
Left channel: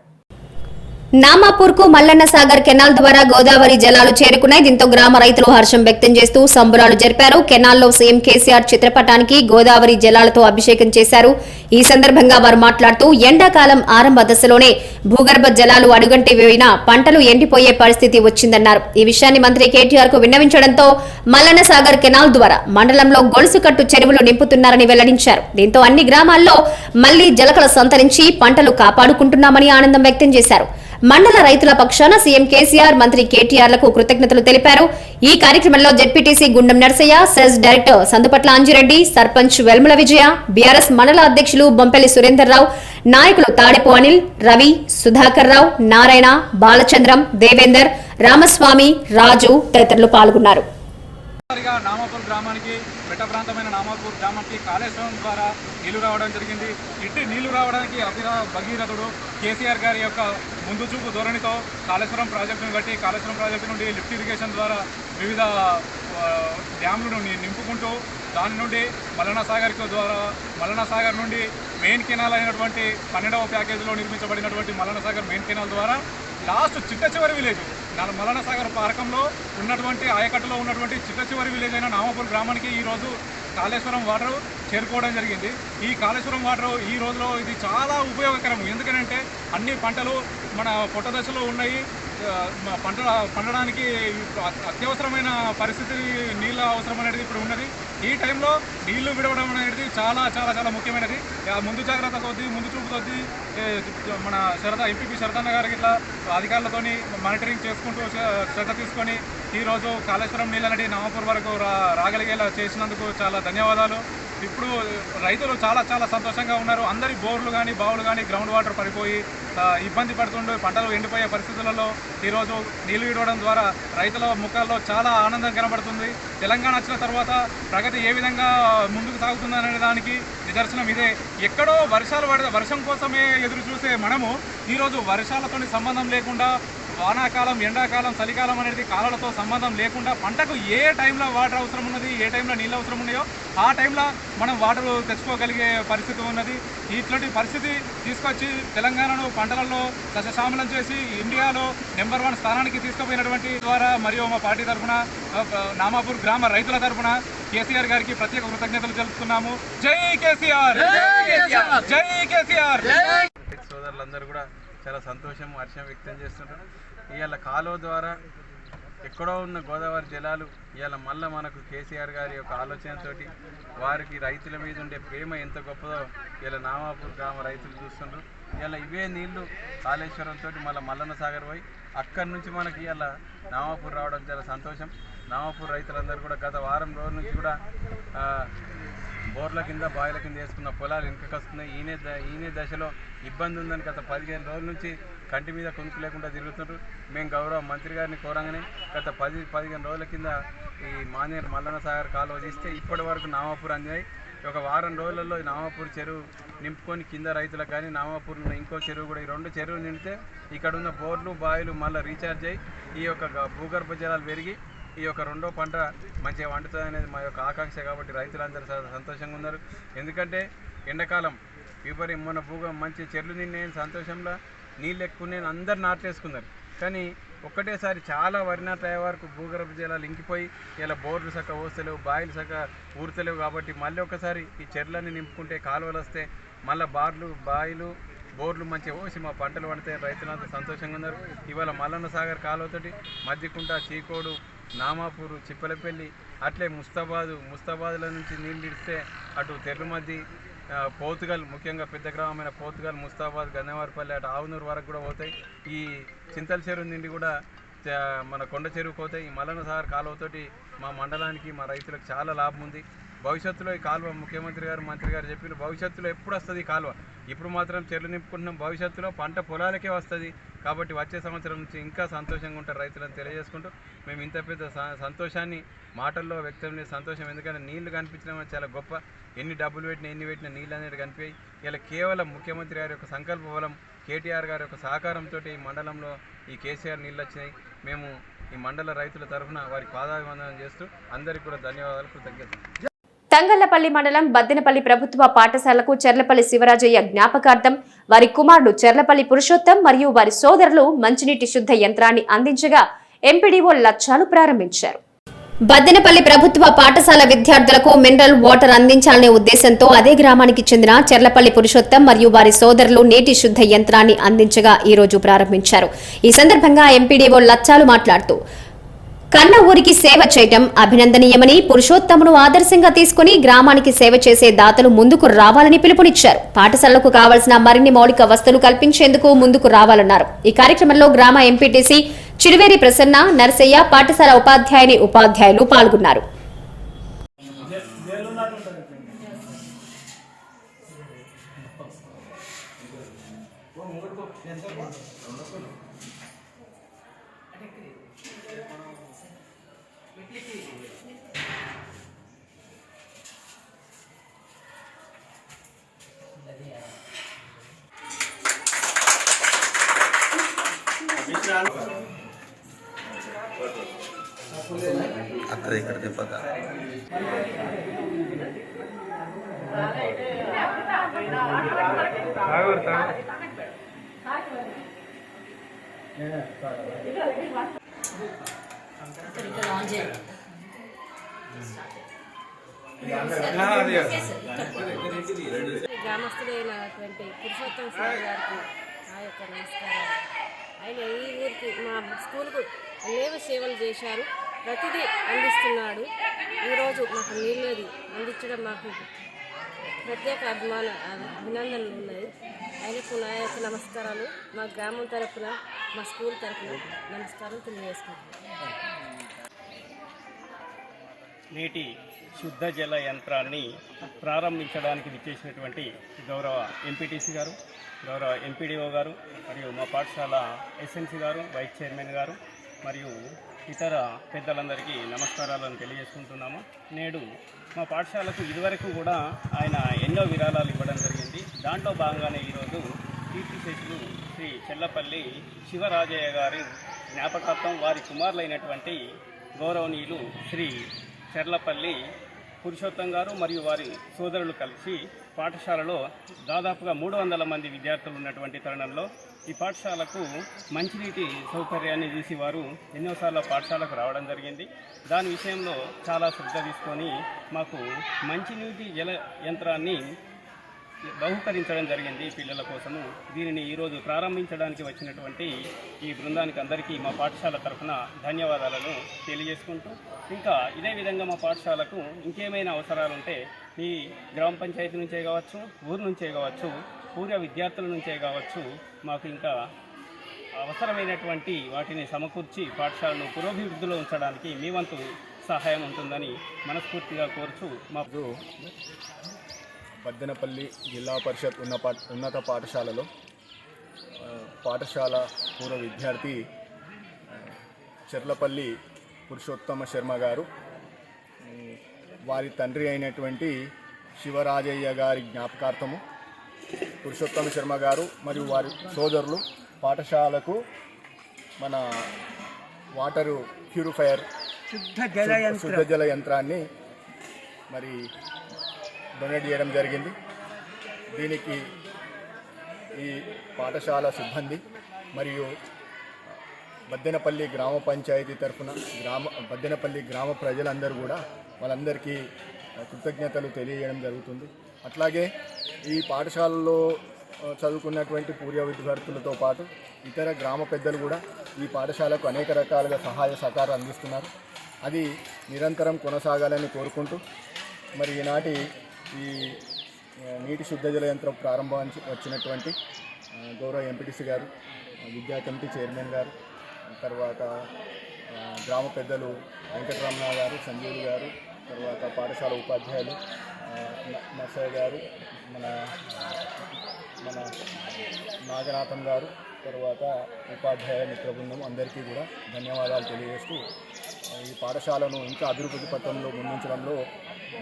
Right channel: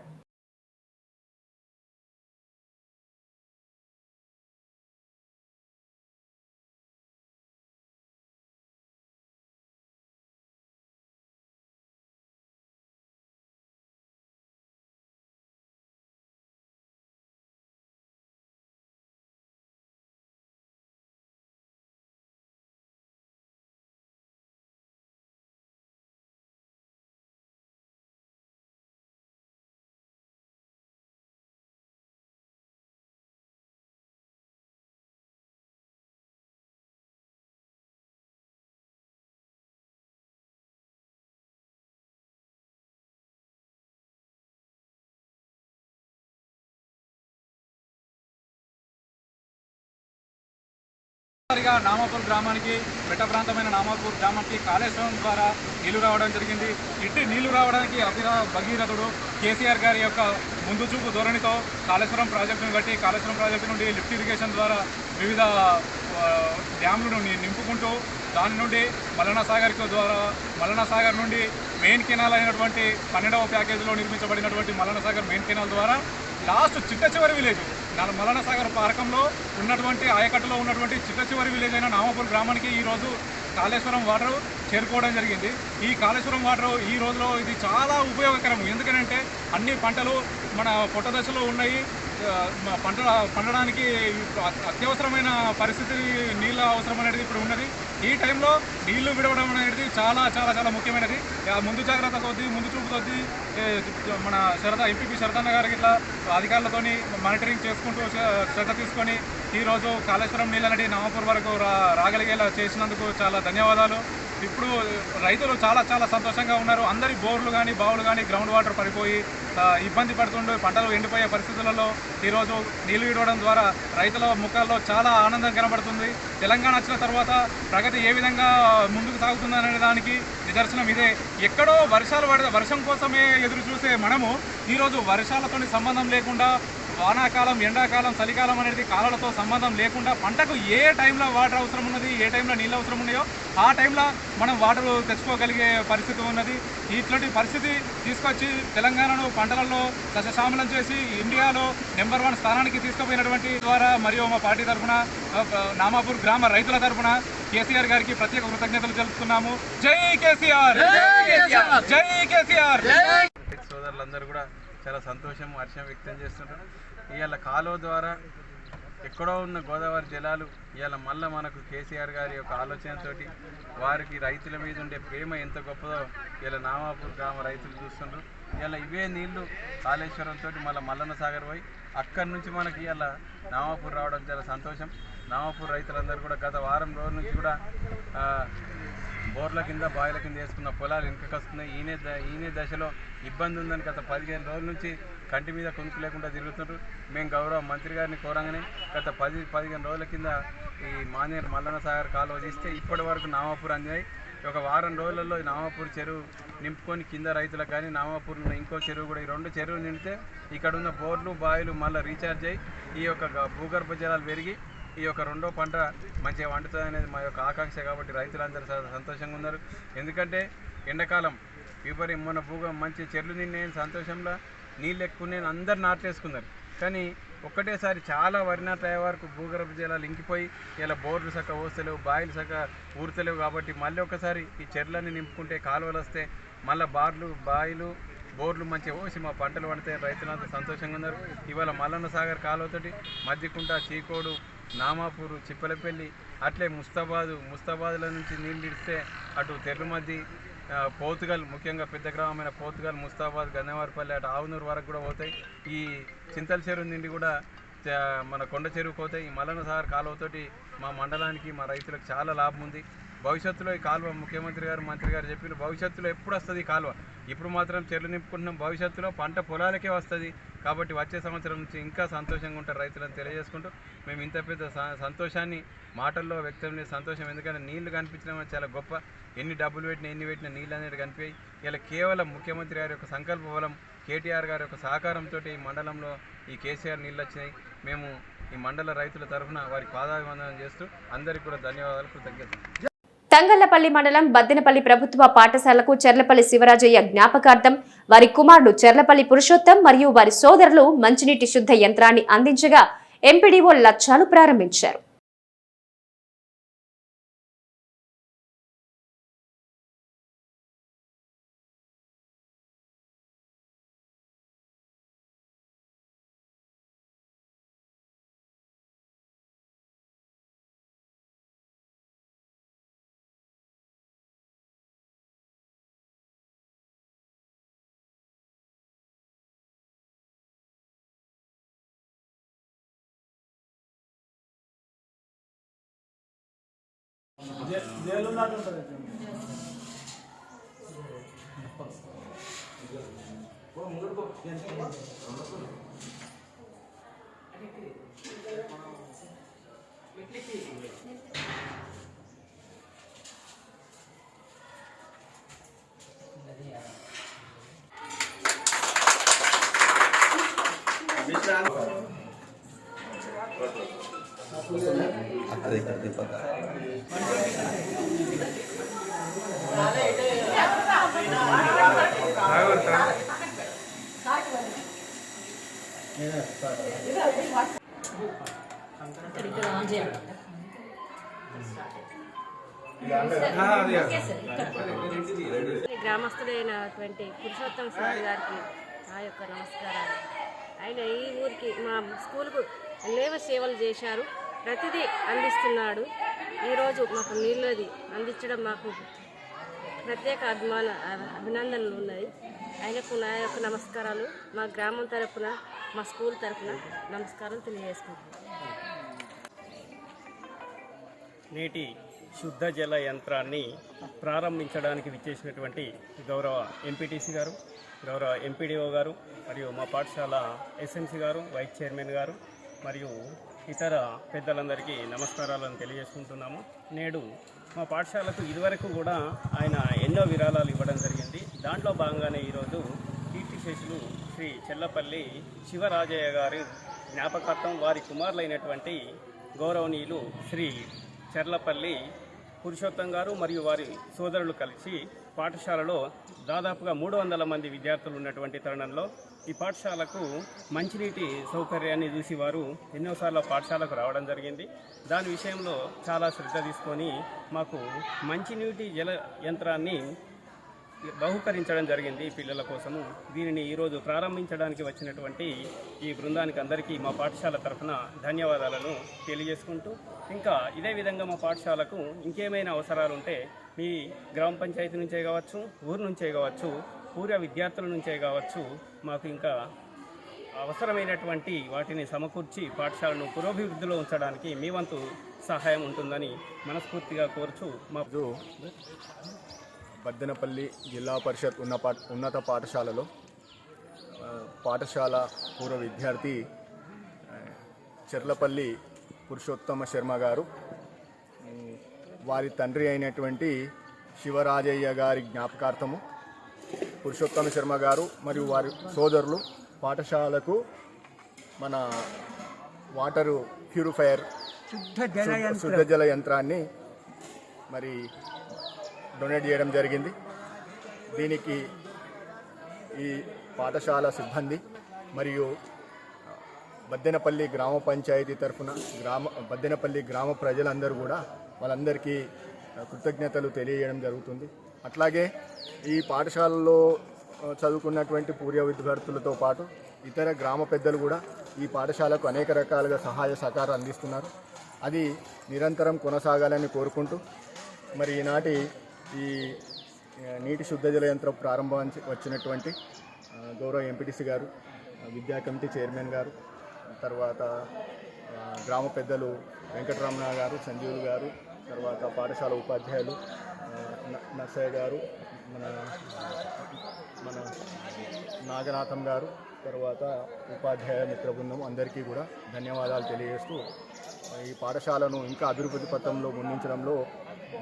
నామాపూర్ కు మల్లన్న సాగర్ కెనాల్ ద్వారా గోదావరి జలాలు చేరుకున్నాయి. దీంతో గ్రామ రైతులు హర్షం వ్యక్తం చేస్తూ సంబరాలు జరిపారు. కెనాల్లో సీఎం కేసీఆర్ చిత్రపటానికి గోదావరి జలాలతో అభిషేకం చేశారు. ఈ సందర్భంగా వారు మాట్లాడుతూ ఎండాకాలం ఆరంభ దశలోనే భూగర్భ జలాలు అడుగంటి వేయిన పంటలు ఎండిపోయే పరిస్థితి వచ్చిందన్నారు. ఈ విషయాన్ని మంత్రి కేటీఆర్ కు విన్నవించడంతో మల్లన్న సాగర్ కెనాల్ ద్వారా మండలంలో గొలుసుకట్టు చెరువులు నింపుతున్నారని వెల్లడించారు. దీంతో అన్ని గ్రామాల్లో మళ్లీ జలకల సంతరించి పంటలు కాపాడుకుంటున్నామని ఆనందం వ్యక్తం చేశారు. మండల రైతుల పక్షాన సీఎం కేసీఆర్, మంత్రి కేటీఆర్లకు కృతజ్ఞతలు తెలిపారు. ఈ కార్యక్రమంలో జెడ్పీటీసీ గుండం నర్సయ్య, సెస్ డైరెక్టర్ సందుపట్ల అంజిరెడ్డి, సర్పంచ్ వెల్ముల విజయ, బీఆర్ఎస్ మండల అధ్యక్షులు బొంపెల్లి సురేందర్ రావు, నాయకులు తాడెపు అనిల్, రవి, సుధాకర్ రావు, నారాయణ, బాలచంద్రం, దేవేందర్, రామస్వామి, రాజు తదితరులు పాల్గొన్నారు. నామాపూర్ గ్రామానికి మెట్ట ప్రాంతమైన నామాపూర్ గ్రామానికి కాళేశ్వరం ద్వారా నీళ్లు రావడం జరిగింది. ఇట్టి నీళ్లు రావడానికి భగీరథుడు కేసీఆర్ గారి యొక్క ముందు చూపు ధోరణితో కాళేశ్వరం ప్రాజెక్టును కట్టి కాళేశ్వరం ప్రాజెక్టు నుండి లిఫ్ట్ ఇరిగేషన్ ద్వారా వివిధ డ్యామ్లను నింపుకుంటూ దాని నుండి మల్లన్న సాగర్ నుండి మెయిన్ కెనాల్ అయినటువంటి 12వ ప్యాకేజీలో నిర్మించబడినటువంటి మల్లన్న సాగర్ మెయిన్ కెనాల్ ద్వారా లాస్ట్ చిట్ట చివరి విలేజ్ మల్లన్న సాగర్ పార్కంలో ఉన్నటువంటి ఆయకట్టులో ఉన్నటువంటి చిట్ట చివరి విలేజ్ అయిన నామాపూర్ గ్రామానికి ఈరోజు కాళేశ్వరం వాటర్ చేరుకోవడం జరిగింది. ఈ కాళేశ్వరం వాటర్ ఈ రోజులో ఇది చాలా ఉపయోగకరం. ఎందుకంటే అన్ని పంటలు మన పొట్ట దశలో ఉన్నాయి. పండడానికి అత్యవసరమైన పరిస్థితి నీళ్ళ అవసరం అనేది ఇప్పుడు ఉన్నది. ఈ టైంలో నీళ్లు విడవడం అనేది చాలా చాలా చాలా ముఖ్యమైనది. ముందు జాగ్రత్త కొద్దీ ముందు చూపు కొద్దీ మన ఎంపీపీ శరతన్న గారికి ఇట్లా అధికారులతోని మానిటరింగ్ చేసుకుంటూ శ్రద్ధ తీసుకొని ఈరోజు కాళేశ్వరం నీళ్ళని నామాపూర్ వరకు రాగలిగేలా చేసినందుకు చాలా ధన్యవాదాలు. ఇప్పుడు రైతులు చాలా చాలా సంతోషంగా ఉన్నారు. అందరి బోర్లు కానీ బావులు కానీ గ్రౌండ్ వాటర్ పడిపోయి ఇబ్బంది పడుతుండే పంటలు ఎండిపోయే పరిస్థితులలో ఈరోజు నీళ్లు విడవడం ద్వారా రైతుల ముఖాల్లో చాలా ఆనందం కనబడుతుంది. తెలంగాణ వచ్చిన తర్వాత ప్రగతి ఏ విధంగా ముందుకు సాగుతుందనే దానికి నిదర్శనం ఇదే. ఎక్కడో వర్షం కోసమే ఎదురు చూసే మనము ఈరోజు వర్షాలతో సంబంధం లేకుండా వానాకాలం, ఎండాకాలం, చలికాలం అనేది కాలాలతో సంబంధం లేకుండా పంటకు ఏ టైంలో వాటర్ అవసరం ఉన్నది, ఏ టైంలో నీళ్ళు అవసరం ఉన్నాయో ఆ టైంలో మనం వాటర్ తెచ్చుకోగలిగే పరిస్థితి ఉన్నది. ఇట్లాంటి పరిస్థితి తీసుకొచ్చి తెలంగాణను పంటలలో సస్యశ్యామలం చేసి ఇండియాలో నెంబర్ 1 స్థానానికి తీసుకుపోయినటువంటి ద్వారా మరియు మా పార్టీ తరఫున నామాపూర్ గ్రామ రైతుల తరఫున కేసీఆర్ గారికి ప్రత్యేక కృతజ్ఞతలు తెలుపుతున్నాము. జై కేసీఆర్, జై కేసీఆర్. సోదరులందరూ కూడా చాలా సంతోషం, హర్షం వ్యక్తం చేస్తుంటారు. ఇవాళ కాలువ ద్వారా ఎక్కడో ఉన్న గోదావరి జలాలు ఇవాళ మళ్ళీ మనకు కేసీఆర్ గారి యొక్క ఆలోచనతోటి వారికి రైతుల మీద ఉండే ప్రేమ ఎంత గొప్పదో ఇలా నామాపూర్ గ్రామ రైతులు చూస్తుండ్రు. ఇలా ఇవే నీళ్లు కాళేశ్వరంతో మళ్ళీ మల్లన్న సాగర్ పోయి అక్కడి నుంచి మనకి ఇలా నామాపూర్ రావడం చాలా సంతోషం. నామాపూర్ రైతులందరూ కూడా గత వారం రోజుల నుంచి కూడా బోర్ల కింద, బాయిల కింద వేసుకున్న పొలాలు వెనుకకు వస్తున్నాయి. ఈయనే దశలో ఇబ్బంది ఉందని గత 15 రోజుల నుంచి కంటి మీద కొనుక్కు లేకుండా తిరుగుతుంటారు. మేము గౌరవ మంత్రి గారిని కోరంగానే గత 10-15 రోజుల కింద ఈ మానేరు మల్లన్న సాగర్ కాలువ తీస్తే ఇప్పటి వరకు నామాపూర్ అందినాయి. ఒక వారం రోజులలో నామాపూర్ చెరువు నింపుకొని కింద రైతులకు కానీ నామాపూర్ ఉన్న ఇంకో చెరువు కూడా, ఈ 2 చెరువులు నిండితే ఇక్కడ ఉన్న బోర్లు, బాయిలు మళ్ళీ రీఛార్జ్ అయ్యి ఈ యొక్క భూగర్భ జలాలు పెరిగి ఈ యొక్క 2వ పంట మంచిగా వండుతుంది అనేది మా యొక్క ఆకాంక్ష. కాబట్టి రైతులందరూ సంతోషంగా ఉన్నారు. ఎందుకంటే ఎండాకాలం మొన్న మంచి చెర్లు నిన్నే సంతోషంలో నీళ్ళు ఎక్కువ నేను అందరు నాటేసుకున్నారు. కానీ ఒక్కటేసారి చాలా వరి నాట్లు అయ్యే వరకు భూగర్భ జలాలు ఇంకిపోయి ఇలా బోర్లు చక్క పోస్తలేవు, బాయిలు చక్క ఊరుతలేవు. కాబట్టి మళ్ళీ ఒకసారి ఈ చెర్లన్నీ నింపుకుంటే కాలువలు వస్తే మళ్ళీ బాయిలు, బోర్లు మంచిగా పోసి మా పంటలు పండితే రైతులంతా సంతోషంగా ఉన్నారు. ఇవాళ మల్లన్న సాగర్ కాలువతోటి మధ్యకుంట, చీకోడు, నామాపూరు, చిప్పలపల్లి, అట్లే ముస్తాబాద్ల నుంచి నీళ్ళు ఇస్తే అటు తెర్రుమద్ది, పోతుగల్, ముఖ్యంగా పెద్ద గ్రామమైన పోతుగల్, ముస్తాబాద్, గన్నవారిపల్లి, అటు ఆవునూరు వరకు కూడా పోతాయి. ఈ చింతల చెరువు నుండి కూడా మన కొండ చెరువుకు పోతాయి. ఈ మల్లన్న సాగర్ కాలువతోటి మా మండలానికి, మా రైతులకు చాలా లాభం ఉంది. భవిష్యత్తులో ఈ కాలువ ముఖ్యమంత్రి గారు, మంత్రి గారు చెప్పిన భవిష్యత్తులో ఎప్పుడు వస్తుంది ఈ కాలువ? ఇప్పుడు మాత్రం చెర్లు నింపుకుంటున్నాం, భవిష్యత్తులో పంట పొలాలకే వస్తుంది. కాబట్టి వచ్చే సంవత్సరం నుంచి ఇంకా సంతోషంగా ఉంటారు రైతులను తెలియజేసుకుంటూ మేము ఇంత పెద్ద సంతోషాన్ని మాటల్లో వ్యక్తం చేసే సంతోషం. ఎందుకంటే నీళ్లు కనిపించడం చాలా గొప్ప. ఎన్ని డబ్బులు పెట్టినా నీళ్ళు అనేది కనిపించాయి. ఇలా కేవలం ముఖ్యమంత్రి గారి యొక్క సంకల్ప బలం, కేటీఆర్ గారి యొక్క సహకారంతో ఈ మండలంలో ఈ కేసీఆర్ నీళ్ళు వచ్చినాయి. మేము ఈ మండల రైతుల తరఫున వారికి పాదాభివందనం చేస్తూ అందరికీ కూడా ధన్యవాదాలు, కృతజ్ఞతలు. తంగళ్లపల్లి మండలం బద్దెనపల్లి ప్రభుత్వ పాఠశాలకు చెర్లపల్లి శివరాజయ్య జ్ఞాపకార్థం వారి కుమారుడు చెర్లపల్లి పురుషోత్తం మరియు వారి సోదరులు మంచినీటి శుద్ధ యంత్రాన్ని అందించగా ఎంపీడీఓ లచ్చాలు ప్రారంభించారు. బద్దెనపల్లి ప్రభుత్వ పాఠశాల విద్యార్థులకు మినరల్ వాటర్ అందించాలనే ఉద్దేశంతో అదే గ్రామానికి చెందిన చెర్లపల్లి పురుషోత్తం మరియు వారి సోదరులు నీటి శుద్ధ యంత్రాన్ని అందించగా ఈ రోజు ప్రారంభించారు. ఈ సందర్భంగా ఎంపీడీఓ లచ్చాలు మాట్లాడుతూ కన్న ఊరికి సేవ చేయటం అభినందనీయమని, పురుషోత్తమును ఆదర్శంగా తీసుకుని గ్రామానికి సేవ చేసే దాతలు ముందుకు రావాలని పిలుపునిచ్చారు. పాఠశాలకు కావాల్సిన మరిన్ని మౌలిక వసతులు కల్పించేందుకు ముందుకు రావాలన్నారు. ఈ కార్యక్రమంలో గ్రామ ఎంపీటీసీ చిరువేరి ప్రసన్న, నరసయ్య, పాఠశాల ఉపాధ్యాయులు పాల్గొన్నారు. అక్కడ ఇక్కడ తిప్పక గ్రామస్తుడైనటువంటి పురుషోత్తమ సార్ గారికి నా యొక్క నమస్కారాలు. ఆయన ఈ ఊరికి మా స్కూల్కు అనేక సేవలు చేశారు, ప్రతిదీ అందిస్తున్నాడు. ఈరోజు మాకు నీళ్ళది అందించడం మాకు ప్రత్యేక అభినందనలు ఉన్నాయి. ఆయనకు నా యొక్క నమస్కారాలు. మా గ్రామం తరపున, మా స్కూల్ తరపున నమస్కారం తెలియజేసుకుంటున్నాను. నీటి శుద్ధ జల యంత్రాన్ని ప్రారంభించడానికి విచ్చేసినటువంటి గౌరవ ఎంపీటీసీ గారు, గౌరవ ఎంపీడీఓ గారు, మరియు మా పాఠశాల ఎస్ఎన్సీ గారు, వైస్ చైర్మన్ గారు మరియు ఇతర పెద్దలందరికీ నమస్కారాలను తెలియజేసుకుంటున్నాము. నేడు మా పాఠశాలకు ఇదివరకు కూడా ఆయన ఎన్నో విరాళాలు ఇవ్వడం జరిగింది. దాంట్లో భాగంగానే ఈరోజు కీర్తిశేషులు శ్రీ చెల్లపల్లి శివరాజయ్య గారి జ్ఞాపకార్థం వారి కుమారులైనటువంటి గౌరవనీయులు శ్రీ చెర్లపల్లి పురుషోత్తం గారు మరియు వారి సోదరులు కలిసి పాఠశాలలో దాదాపుగా 300 మంది విద్యార్థులు ఉన్నటువంటి తరుణంలో ఈ పాఠశాలకు మంచినీటి సౌకర్యాన్ని చూసి వారు ఎన్నోసార్లు పాఠశాలకు రావడం జరిగింది. దాని విషయంలో చాలా శ్రద్ధ తీసుకొని మాకు మంచినీటి జల యంత్రాన్ని బహుకరించడం జరిగింది పిల్లల కోసము. దీనిని ఈరోజు ప్రారంభించడానికి వచ్చినటువంటి ఈ బృందానికి అందరికీ మా పాఠశాల తరఫున ధన్యవాదాలను తెలియజేసుకుంటూ, ఇంకా ఇదే విధంగా మా పాఠశాలకు ఇంకేమైనా అవసరాలు ఉంటే మీ గ్రామ పంచాయతీ నుంచే కావచ్చు, ఊరు నుంచే కావచ్చు, పూర్వ విద్యార్థుల నుంచే కావచ్చు, మాకు ఇంకా అవసరమైనటువంటి వాటిని సమకూర్చి పాఠశాలను పురోభివృద్ధిలో ఉంచడానికి మీ వంతు సహాయం ఉంటుందని మనస్ఫూర్తిగా కోరుచు మా బద్దెనపల్లి జిల్లా పరిషత్ ఉన్నత పాఠశాలలో పాఠశాల పూర్వ విద్యార్థి చెర్లపల్లి పురుషోత్తమ శర్మ గారు వారి తండ్రి అయినటువంటి శివరాజయ్య గారి జ్ఞాపకార్థము పురుషోత్తమ శర్మ గారు మరియు వారి సోదరులు పాఠశాలకు మన వాటరు ప్యూరిఫైయర్ శుద్ధ జల యంత్రాన్ని మరి డొనేట్ చేయడం జరిగింది. దీనికి ఈ పాఠశాల సిబ్బంది మరియు బద్దెనపల్లి గ్రామ పంచాయతీ తరఫున బద్దెనపల్లి గ్రామ ప్రజలందరూ కూడా వాళ్ళందరికీ కృతజ్ఞతలు తెలియజేయడం జరుగుతుంది. అట్లాగే ఈ పాఠశాలలో చదువుకున్నటువంటి పూర్వ విద్యార్థులతో పాటు ఇతర గ్రామ పెద్దలు కూడా ఈ పాఠశాలకు అనేక రకాలుగా సహాయ సహకారం అందిస్తున్నారు. అది నిరంతరం కొనసాగాలని కోరుకుంటూ మరి ఈనాటి ఈ నీటి శుద్ధ జల యంత్రం ప్రారంభం వచ్చినటువంటి గౌరవ ఎంపీటీసీ గారు, విద్యా కమిటీ చైర్మన్ గారు, తర్వాత గ్రామ పెద్దలు వెంకటరమణ గారు, సంజీవులు గారు, తర్వాత పాఠశాల ఉపాధ్యాయులు నర్సయ్య గారు, మన నాగనాథం గారు, తర్వాత ఉపాధ్యాయ మిత్ర బృందం అందరికీ కూడా ధన్యవాదాలు తెలియజేస్తూ ఈ పాఠశాలను ఇంకా అభివృద్ధి పథంలో ముందుంచడంలో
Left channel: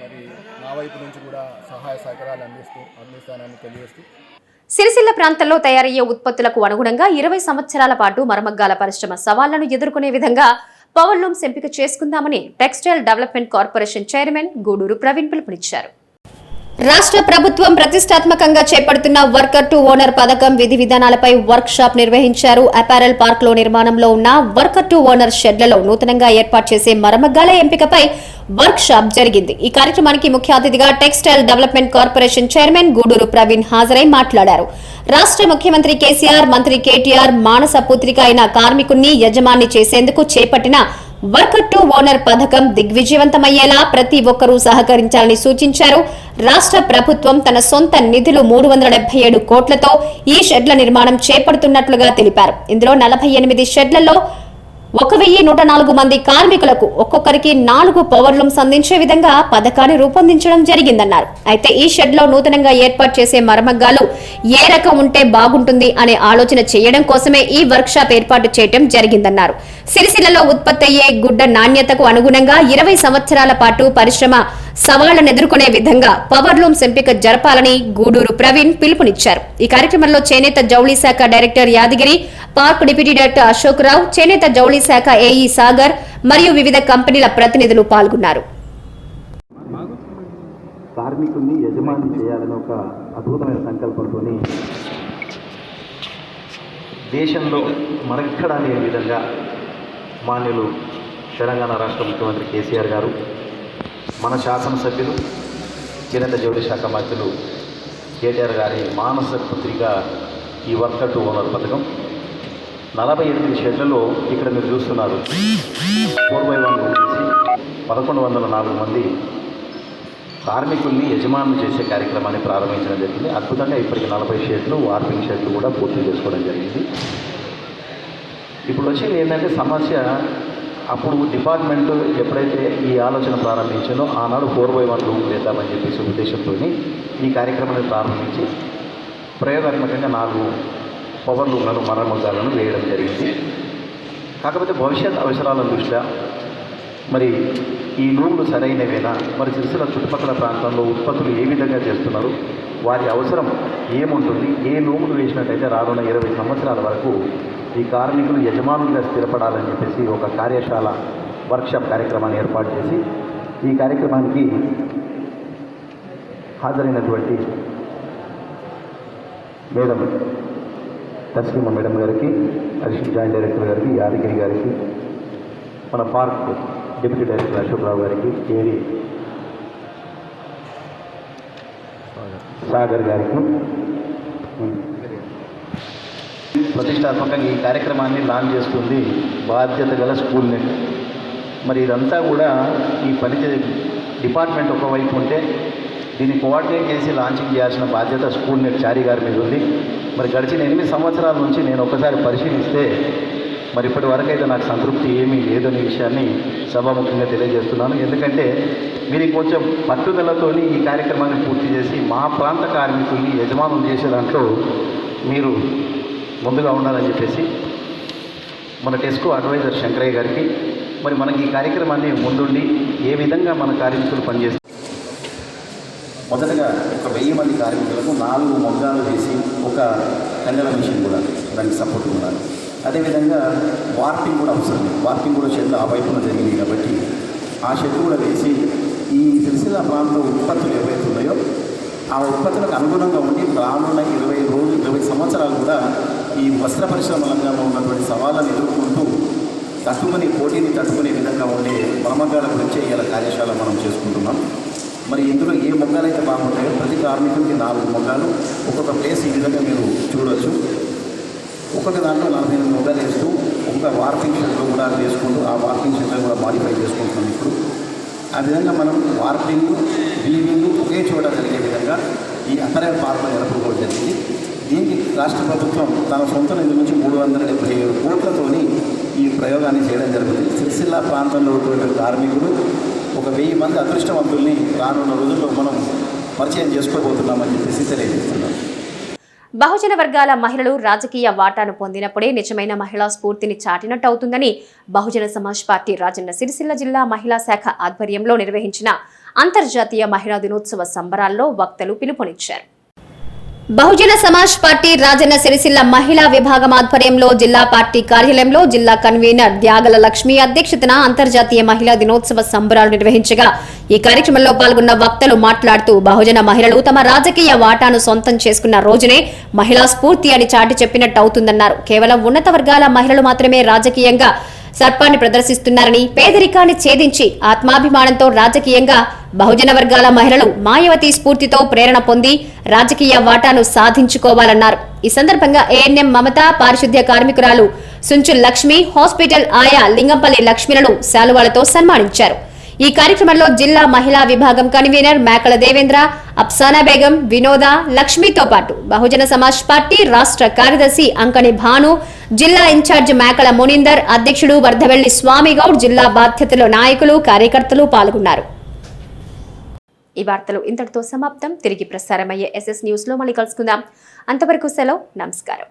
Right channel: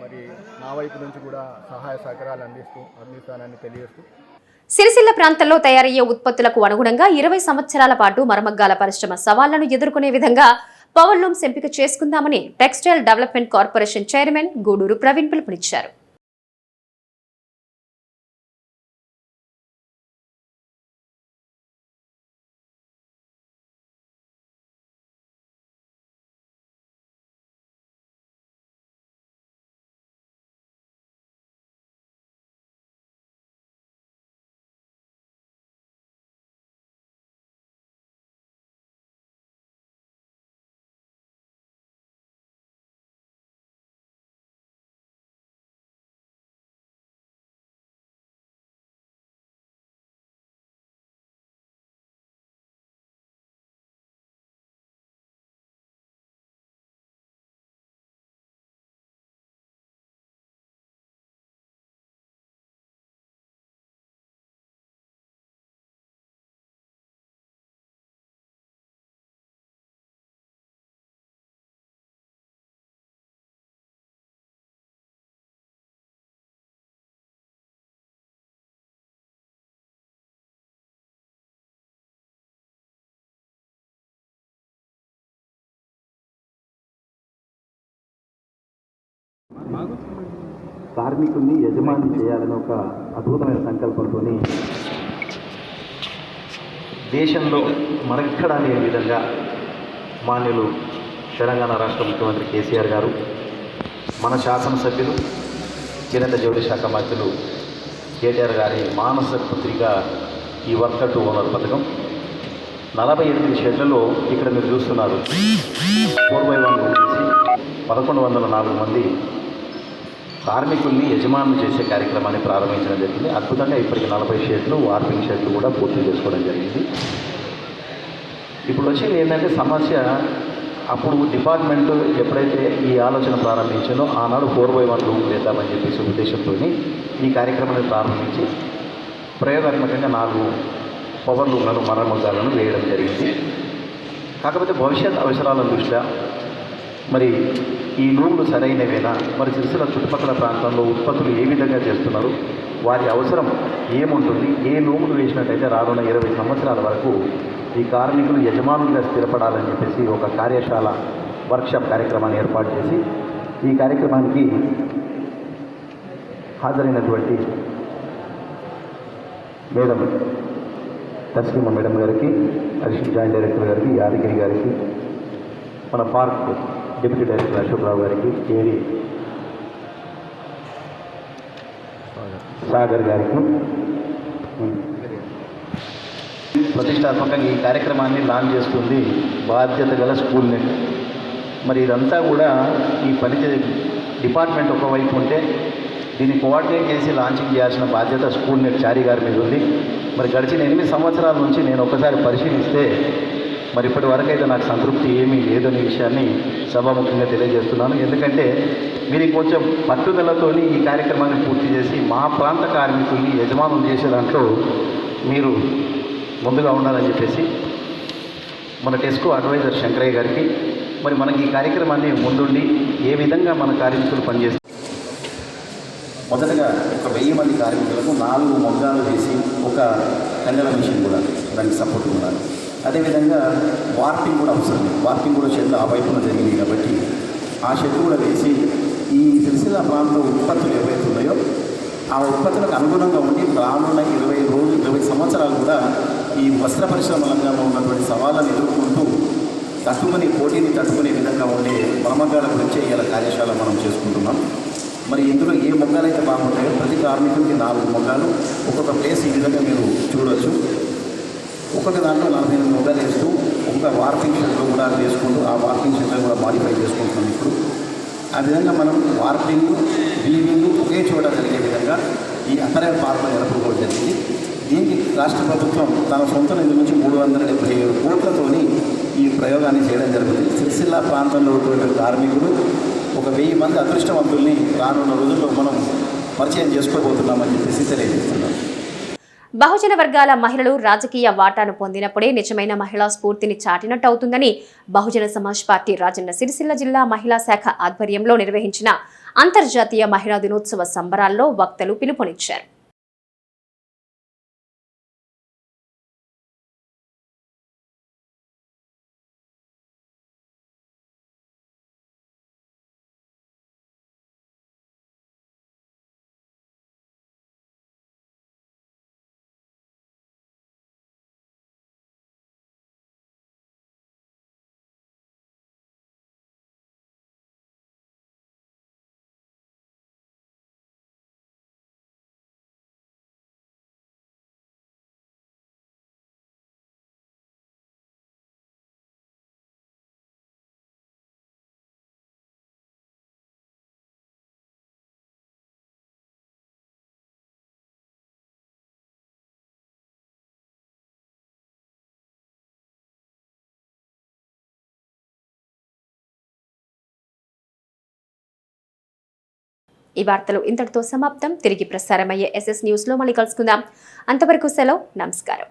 మరి నా వైపు నుంచి కూడా సహాయ సహకారాలు అందిస్తానని తెలియజేస్తూ సిరిసిల్ల ప్రాంతంలో తయారయ్యే ఉత్పత్తులకు అనుగుణంగా 20 సంవత్సరాల పాటు మరమగ్గాల పరిశ్రమ సవాళ్లను ఎదుర్కొనే విధంగా పవర్ లూమ్స్ ఎంపిక చేసుకుందామని textile development corporation chairman Guduru Praveen పిలుపునిచ్చారు. రాష్ట్ర ప్రభుత్వం ప్రతిష్టాత్మకంగా చేపడుతున్న వర్కర్ టు ఓనర్ పథకం విధి విధానాలపై వర్క్ షాప్ నిర్వహించారు. అపారెల్ పార్క్ లో నిర్మాణంలో ఉన్న వర్కర్ టు ఓనర్ షెడ్లలో నూతనంగా ఏర్పాటు చేసే మరమగ్గాల ఎంపికపై వర్క్ షాప్ జరిగింది. ఈ కార్యక్రమానికి ముఖ్య అతిథిగా textile development corporation chairman Guduru Praveen హాజరై మాట్లాడారు. రాష్ట్ర ముఖ్యమంత్రి కేసీఆర్, మంత్రి కేటీఆర్ మానస పుత్రిక అయిన కార్మికుణ్ణి యజమాని చేసేందుకు చేపట్టిన వర్కర్ టు ఓనర్ పథకం దిగ్విజయవంతమయ్యేలా ప్రతి ఒక్కరూ సహకరించాలని సూచించారు. రాష్ట్ర ప్రభుత్వం తన సొంత నిధులు 377 కోట్లతో ఈ షెడ్ల నిర్మాణం చేపడుతున్నట్లుగా తెలిపారు. ఇందులో 48 షెడ్లలో 1104 మంది కార్మికులకు ఒక్కొక్కరికి 4 పవర్ లూమ్స్ అందించే విధంగా పథకాన్ని రూపొందించడం జరిగిందన్నారు. అయితే ఈ షెడ్ లో నూతనంగా ఏర్పాటు చేసే మరమగ్గాలు ఏ రకం ఉంటే బాగుంటుంది అనే ఆలోచన చేయడం కోసమే ఈ వర్క్ షాప్ ఏర్పాటు చేయడం జరిగిందన్నారు. సిరిసిల్లలో ఉత్పత్తి అయ్యే గుడ్డ నాణ్యతకు అనుగుణంగా 20 సంవత్సరాల పాటు పరిశ్రమ సవాళ్లను ఎదుర్కొనే విధంగా పవర్ లూమ్స్ ఎంపిక జరపాలని గూడూరు ప్రవీణ్ పిలుపునిచ్చారు. ఈ కార్యక్రమంలో చేనేత జౌళి శాఖ director Yadagiri, park deputy director Ashok Rao, చేనేత జౌళి శాఖ ఏఈ సాగర్ మరియు వివిధ కంపెనీల ప్రతినిధులు పాల్గొన్నారు. కార్మికుల్ని యజమాని చేయాలని ఒక అద్భుతమైన సంకల్పంతో దేశంలో మరెక్కడా లేని విధంగా మాన్యులు తెలంగాణ రాష్ట్ర ముఖ్యమంత్రి కేసీఆర్ గారు, మన శాసనసభ్యులు చేనేత జౌళి శాఖ మంత్రులు కేటీఆర్ గారి మానస పుత్రిగా ఈ వర్కర్ టు ఓనర్ పథకం 48 షెడ్లలో ఇక్కడ మీరు చూస్తున్నారు 4x1 చేసి 1104 మంది కార్మికుల్ని యజమానులు చేసే కార్యక్రమాన్ని ప్రారంభించడం జరిగింది. అద్భుతంగా ఇప్పటికి 40 షెడ్లు, వార్పింగ్ షెడ్లు కూడా పూర్తి చేసుకోవడం జరిగింది. ఇప్పుడు వచ్చేది ఏంటంటే సమస్య, అప్పుడు డిపార్ట్మెంట్ ఎప్పుడైతే ఈ ఆలోచన ప్రారంభించిందో ఆనాడు 4x1 రూమ్ వేద్దామని చెప్పేసి ఉద్దేశంతో ఈ కార్యక్రమాన్ని ప్రారంభించి ప్రయోగాత్మకంగా 4 పవర్ లూమ్లను మరమగ్గాలను వేయడం జరిగింది. కాకపోతే భవిష్యత్ అవసరాల దృష్ట్యా మరి ఈ లూమ్లు సరైనవేనా, మరి సిరిసిల్ల చుట్టుపక్కల ప్రాంతంలో ఉత్పత్తులు ఏ విధంగా చేస్తున్నారు, వారి అవసరం ఏముంటుంది, ఏ నోములు వేసినట్టయితే రానున్న 20 సంవత్సరాల వరకు ఈ కార్మికులు యజమానులుగా స్థిరపడాలని చెప్పేసి ఒక కార్యశాల వర్క్షాప్ కార్యక్రమాన్ని ఏర్పాటు చేసి ఈ కార్యక్రమానికి హాజరైనటువంటి మేడం తస్లీమా మేడం గారికి, అడిషనల్ జాయింట్ డైరెక్టర్ గారికి, యాదగిరి గారికి, మన పార్క్ డిప్యూటీ డైరెక్టర్ అశోక్రావు గారికి, ఏడి సాగర్ గారికి ప్రతిష్టాత్మకంగా ఈ కార్యక్రమాన్ని లాంచ్ చేస్తుంది బాధ్యత గల స్కూల్ నెట్. మరి ఇదంతా కూడా ఈ పని డిపార్ట్మెంట్ ఒకవైపు ఉంటే దీన్ని కోఆర్డినేట్ చేసి లాంచింగ్ చేయాల్సిన బాధ్యత స్కూల్ నెట్ చారి గారి మీద ఉంది. మరి గడిచిన 8 సంవత్సరాల నుంచి నేను ఒకసారి పరిశీలిస్తే మరి ఇప్పటి వరకు అయితే నాకు సంతృప్తి ఏమీ లేదనే విషయాన్ని సభాముఖంగా తెలియజేస్తున్నాను. ఎందుకంటే మీరు కొంచెం పట్టుదలతో ఈ కార్యక్రమాన్ని పూర్తి చేసి మా ప్రాంత కార్మికుల్ని యజమానులు చేసే దాంట్లో మీరు ముందుగా ఉండాలని చెప్పేసి మన టెస్కో అడ్వైజర్ శంకరయ్య గారికి, మరి మనకి ఈ కార్యక్రమాన్ని ముందుండి ఏ విధంగా మన కార్మికులు పనిచేస్తారు, మొదటగా ఒక 1000 మంది కార్మికులకు 4 మొగ్గాలు వేసి ఒక కండల మిషన్ కూడా దానికి సపోర్ట్ ఉండాలి. అదేవిధంగా వార్పింగ్ కూడా అవసరం. వార్పింగ్ కూడా షెడ్లు ఆ వైపున జరిగింది కాబట్టి ఆ షెడ్లు కూడా వేసి ఈ సిరిసిల్ల ప్రాంతం ఉత్పత్తులు ఏవైతే ఉన్నాయో ఆ ఉత్పత్తులకు అనుగుణంగా ఉండి రానున్న 20 సంవత్సరాలు కూడా ఈ వస్త్ర పరిశ్రమ రంగంలో ఉన్నటువంటి సవాళ్ళను ఎదుర్కొంటూ పోటీని తట్టుకునే విధంగా ఉండే మరమగ్గాల గురించే ఇలా కార్యశాల మనం చేసుకుంటున్నాం. మరి ఇందులో ఏ మొగ్గాలైతే బాగుంటాయో ప్రతి కార్మికుడికి 4 మొగ్గాలు, ఒక్కొక్క ప్లేస్ ఈ విధంగా మీరు చూడవచ్చు. ఒక్కొక్క దాంట్లో 48 మొగ్గాలు వేస్తూ ఒక్కొక్క వార్పింగ్ షెడ్లో కూడా వేసుకుంటూ ఆ వార్పింగ్ షెడ్లో కూడా మాడిఫై చేసుకుంటున్నాం. ఇప్పుడు ఆ విధంగా మనం వార్పింగ్ వీవింగ్ ఒకే చోట జరిగే విధంగా ఈ అపరైల్ పార్కులు ఏర్పడుకోవడం జరిగింది. దీనికి రాష్ట్ర ప్రభుత్వం తన సొంత నిధుల నుంచి 377 కోట్లతోని ఈ ప్రయోగాన్ని చేయడం జరుగుతుంది. సిరిసిల్ల ప్రాంతంలో ఉన్నటువంటి కార్మికులు ఒక 1000 మంది అదృష్టవంతుల్ని రానున్న రోజుల్లో మనం పరిచయం చేసుకోబోతున్నామని చెప్పేసి తెలియజేస్తున్నాం. బహుజన వర్గాల మహిళలు రాజకీయ వాటాను పొందినప్పుడే నిజమైన మహిళా స్ఫూర్తిని చాటినట్టు అవుతుందని బహుజన సమాజ్ పార్టీ రాజన్న సిరిసిల్ల జిల్లా మహిళా శాఖ ఆధ్వర్యంలో నిర్వహించిన అంతర్జాతీయ మహిళా దినోత్సవ సంబరాల్లో వక్తలు పిలుపునిచ్చారు. బహుజన సమాజ్ పార్టీ రాజన్న సిరిసిల్ల మహిళా విభాగం ఆధ్వర్యంలో జిల్లా పార్టీ కార్యాలయంలో జిల్లా కన్వీనర్ త్యాగల లక్ష్మి అధ్యక్షతన అంతర్జాతీయ మహిళా దినోత్సవ సంబరాలు నిర్వహించగా ఈ కార్యక్రమంలో పాల్గొన్న వక్తలు మాట్లాడుతూ బహుజన మహిళలు తమ రాజకీయ వాటాను సొంతం చేసుకున్న రోజునే మహిళా స్ఫూర్తి అని చాటి చెప్పినట్టు అవుతుందన్నారు. కేవలం ఉన్నత వర్గాల మహిళలు మాత్రమే రాజకీయంగా సర్పాన్ని ప్రదర్శిస్తున్నారని, పేదరికాన్ని ఛేదించి ఆత్మాభిమానంతో రాజకీయంగా బహుజన వర్గాల మహిళలు మాయావతి స్ఫూర్తితో ప్రేరణ పొంది రాజకీయ వాటాను సాధించుకోవాలన్నారు. ఈ సందర్భంగా ఏఎన్ఎం మమత, పారిశుద్ధ్య కార్మికురాలు సుంచు లక్ష్మి, హాస్పిటల్ ఆయా లింగంపల్లి లక్ష్మిలను శాలువాలతో సన్మానించారు. ఈ కార్యక్రమంలో జిల్లా మహిళా విభాగం కన్వీనర్ మేకల దేవేంద్ర, అప్సానా బేగం, వినోద, లక్ష్మితో పాటు బహుజన సమాజ్ పార్టీ రాష్ట్ర కార్యదర్శి అంకణి భాను, జిల్లా ఇన్ఛార్జ్ మేకల మునిందర్, అధ్యక్షుడు వర్ధవెల్లి స్వామిగౌడ్, జిల్లా బాధ్యతల నాయకులు, కార్యకర్తలు పాల్గొన్నారు. ఈ వార్తలు ఇంతటితో సమాప్తం. తిరిగి ప్రసారమయ్యే SS న్యూస్ లో మళ్ళీ కలుసుకుందాం. అంతవరకు సెలవు. నమస్కారం.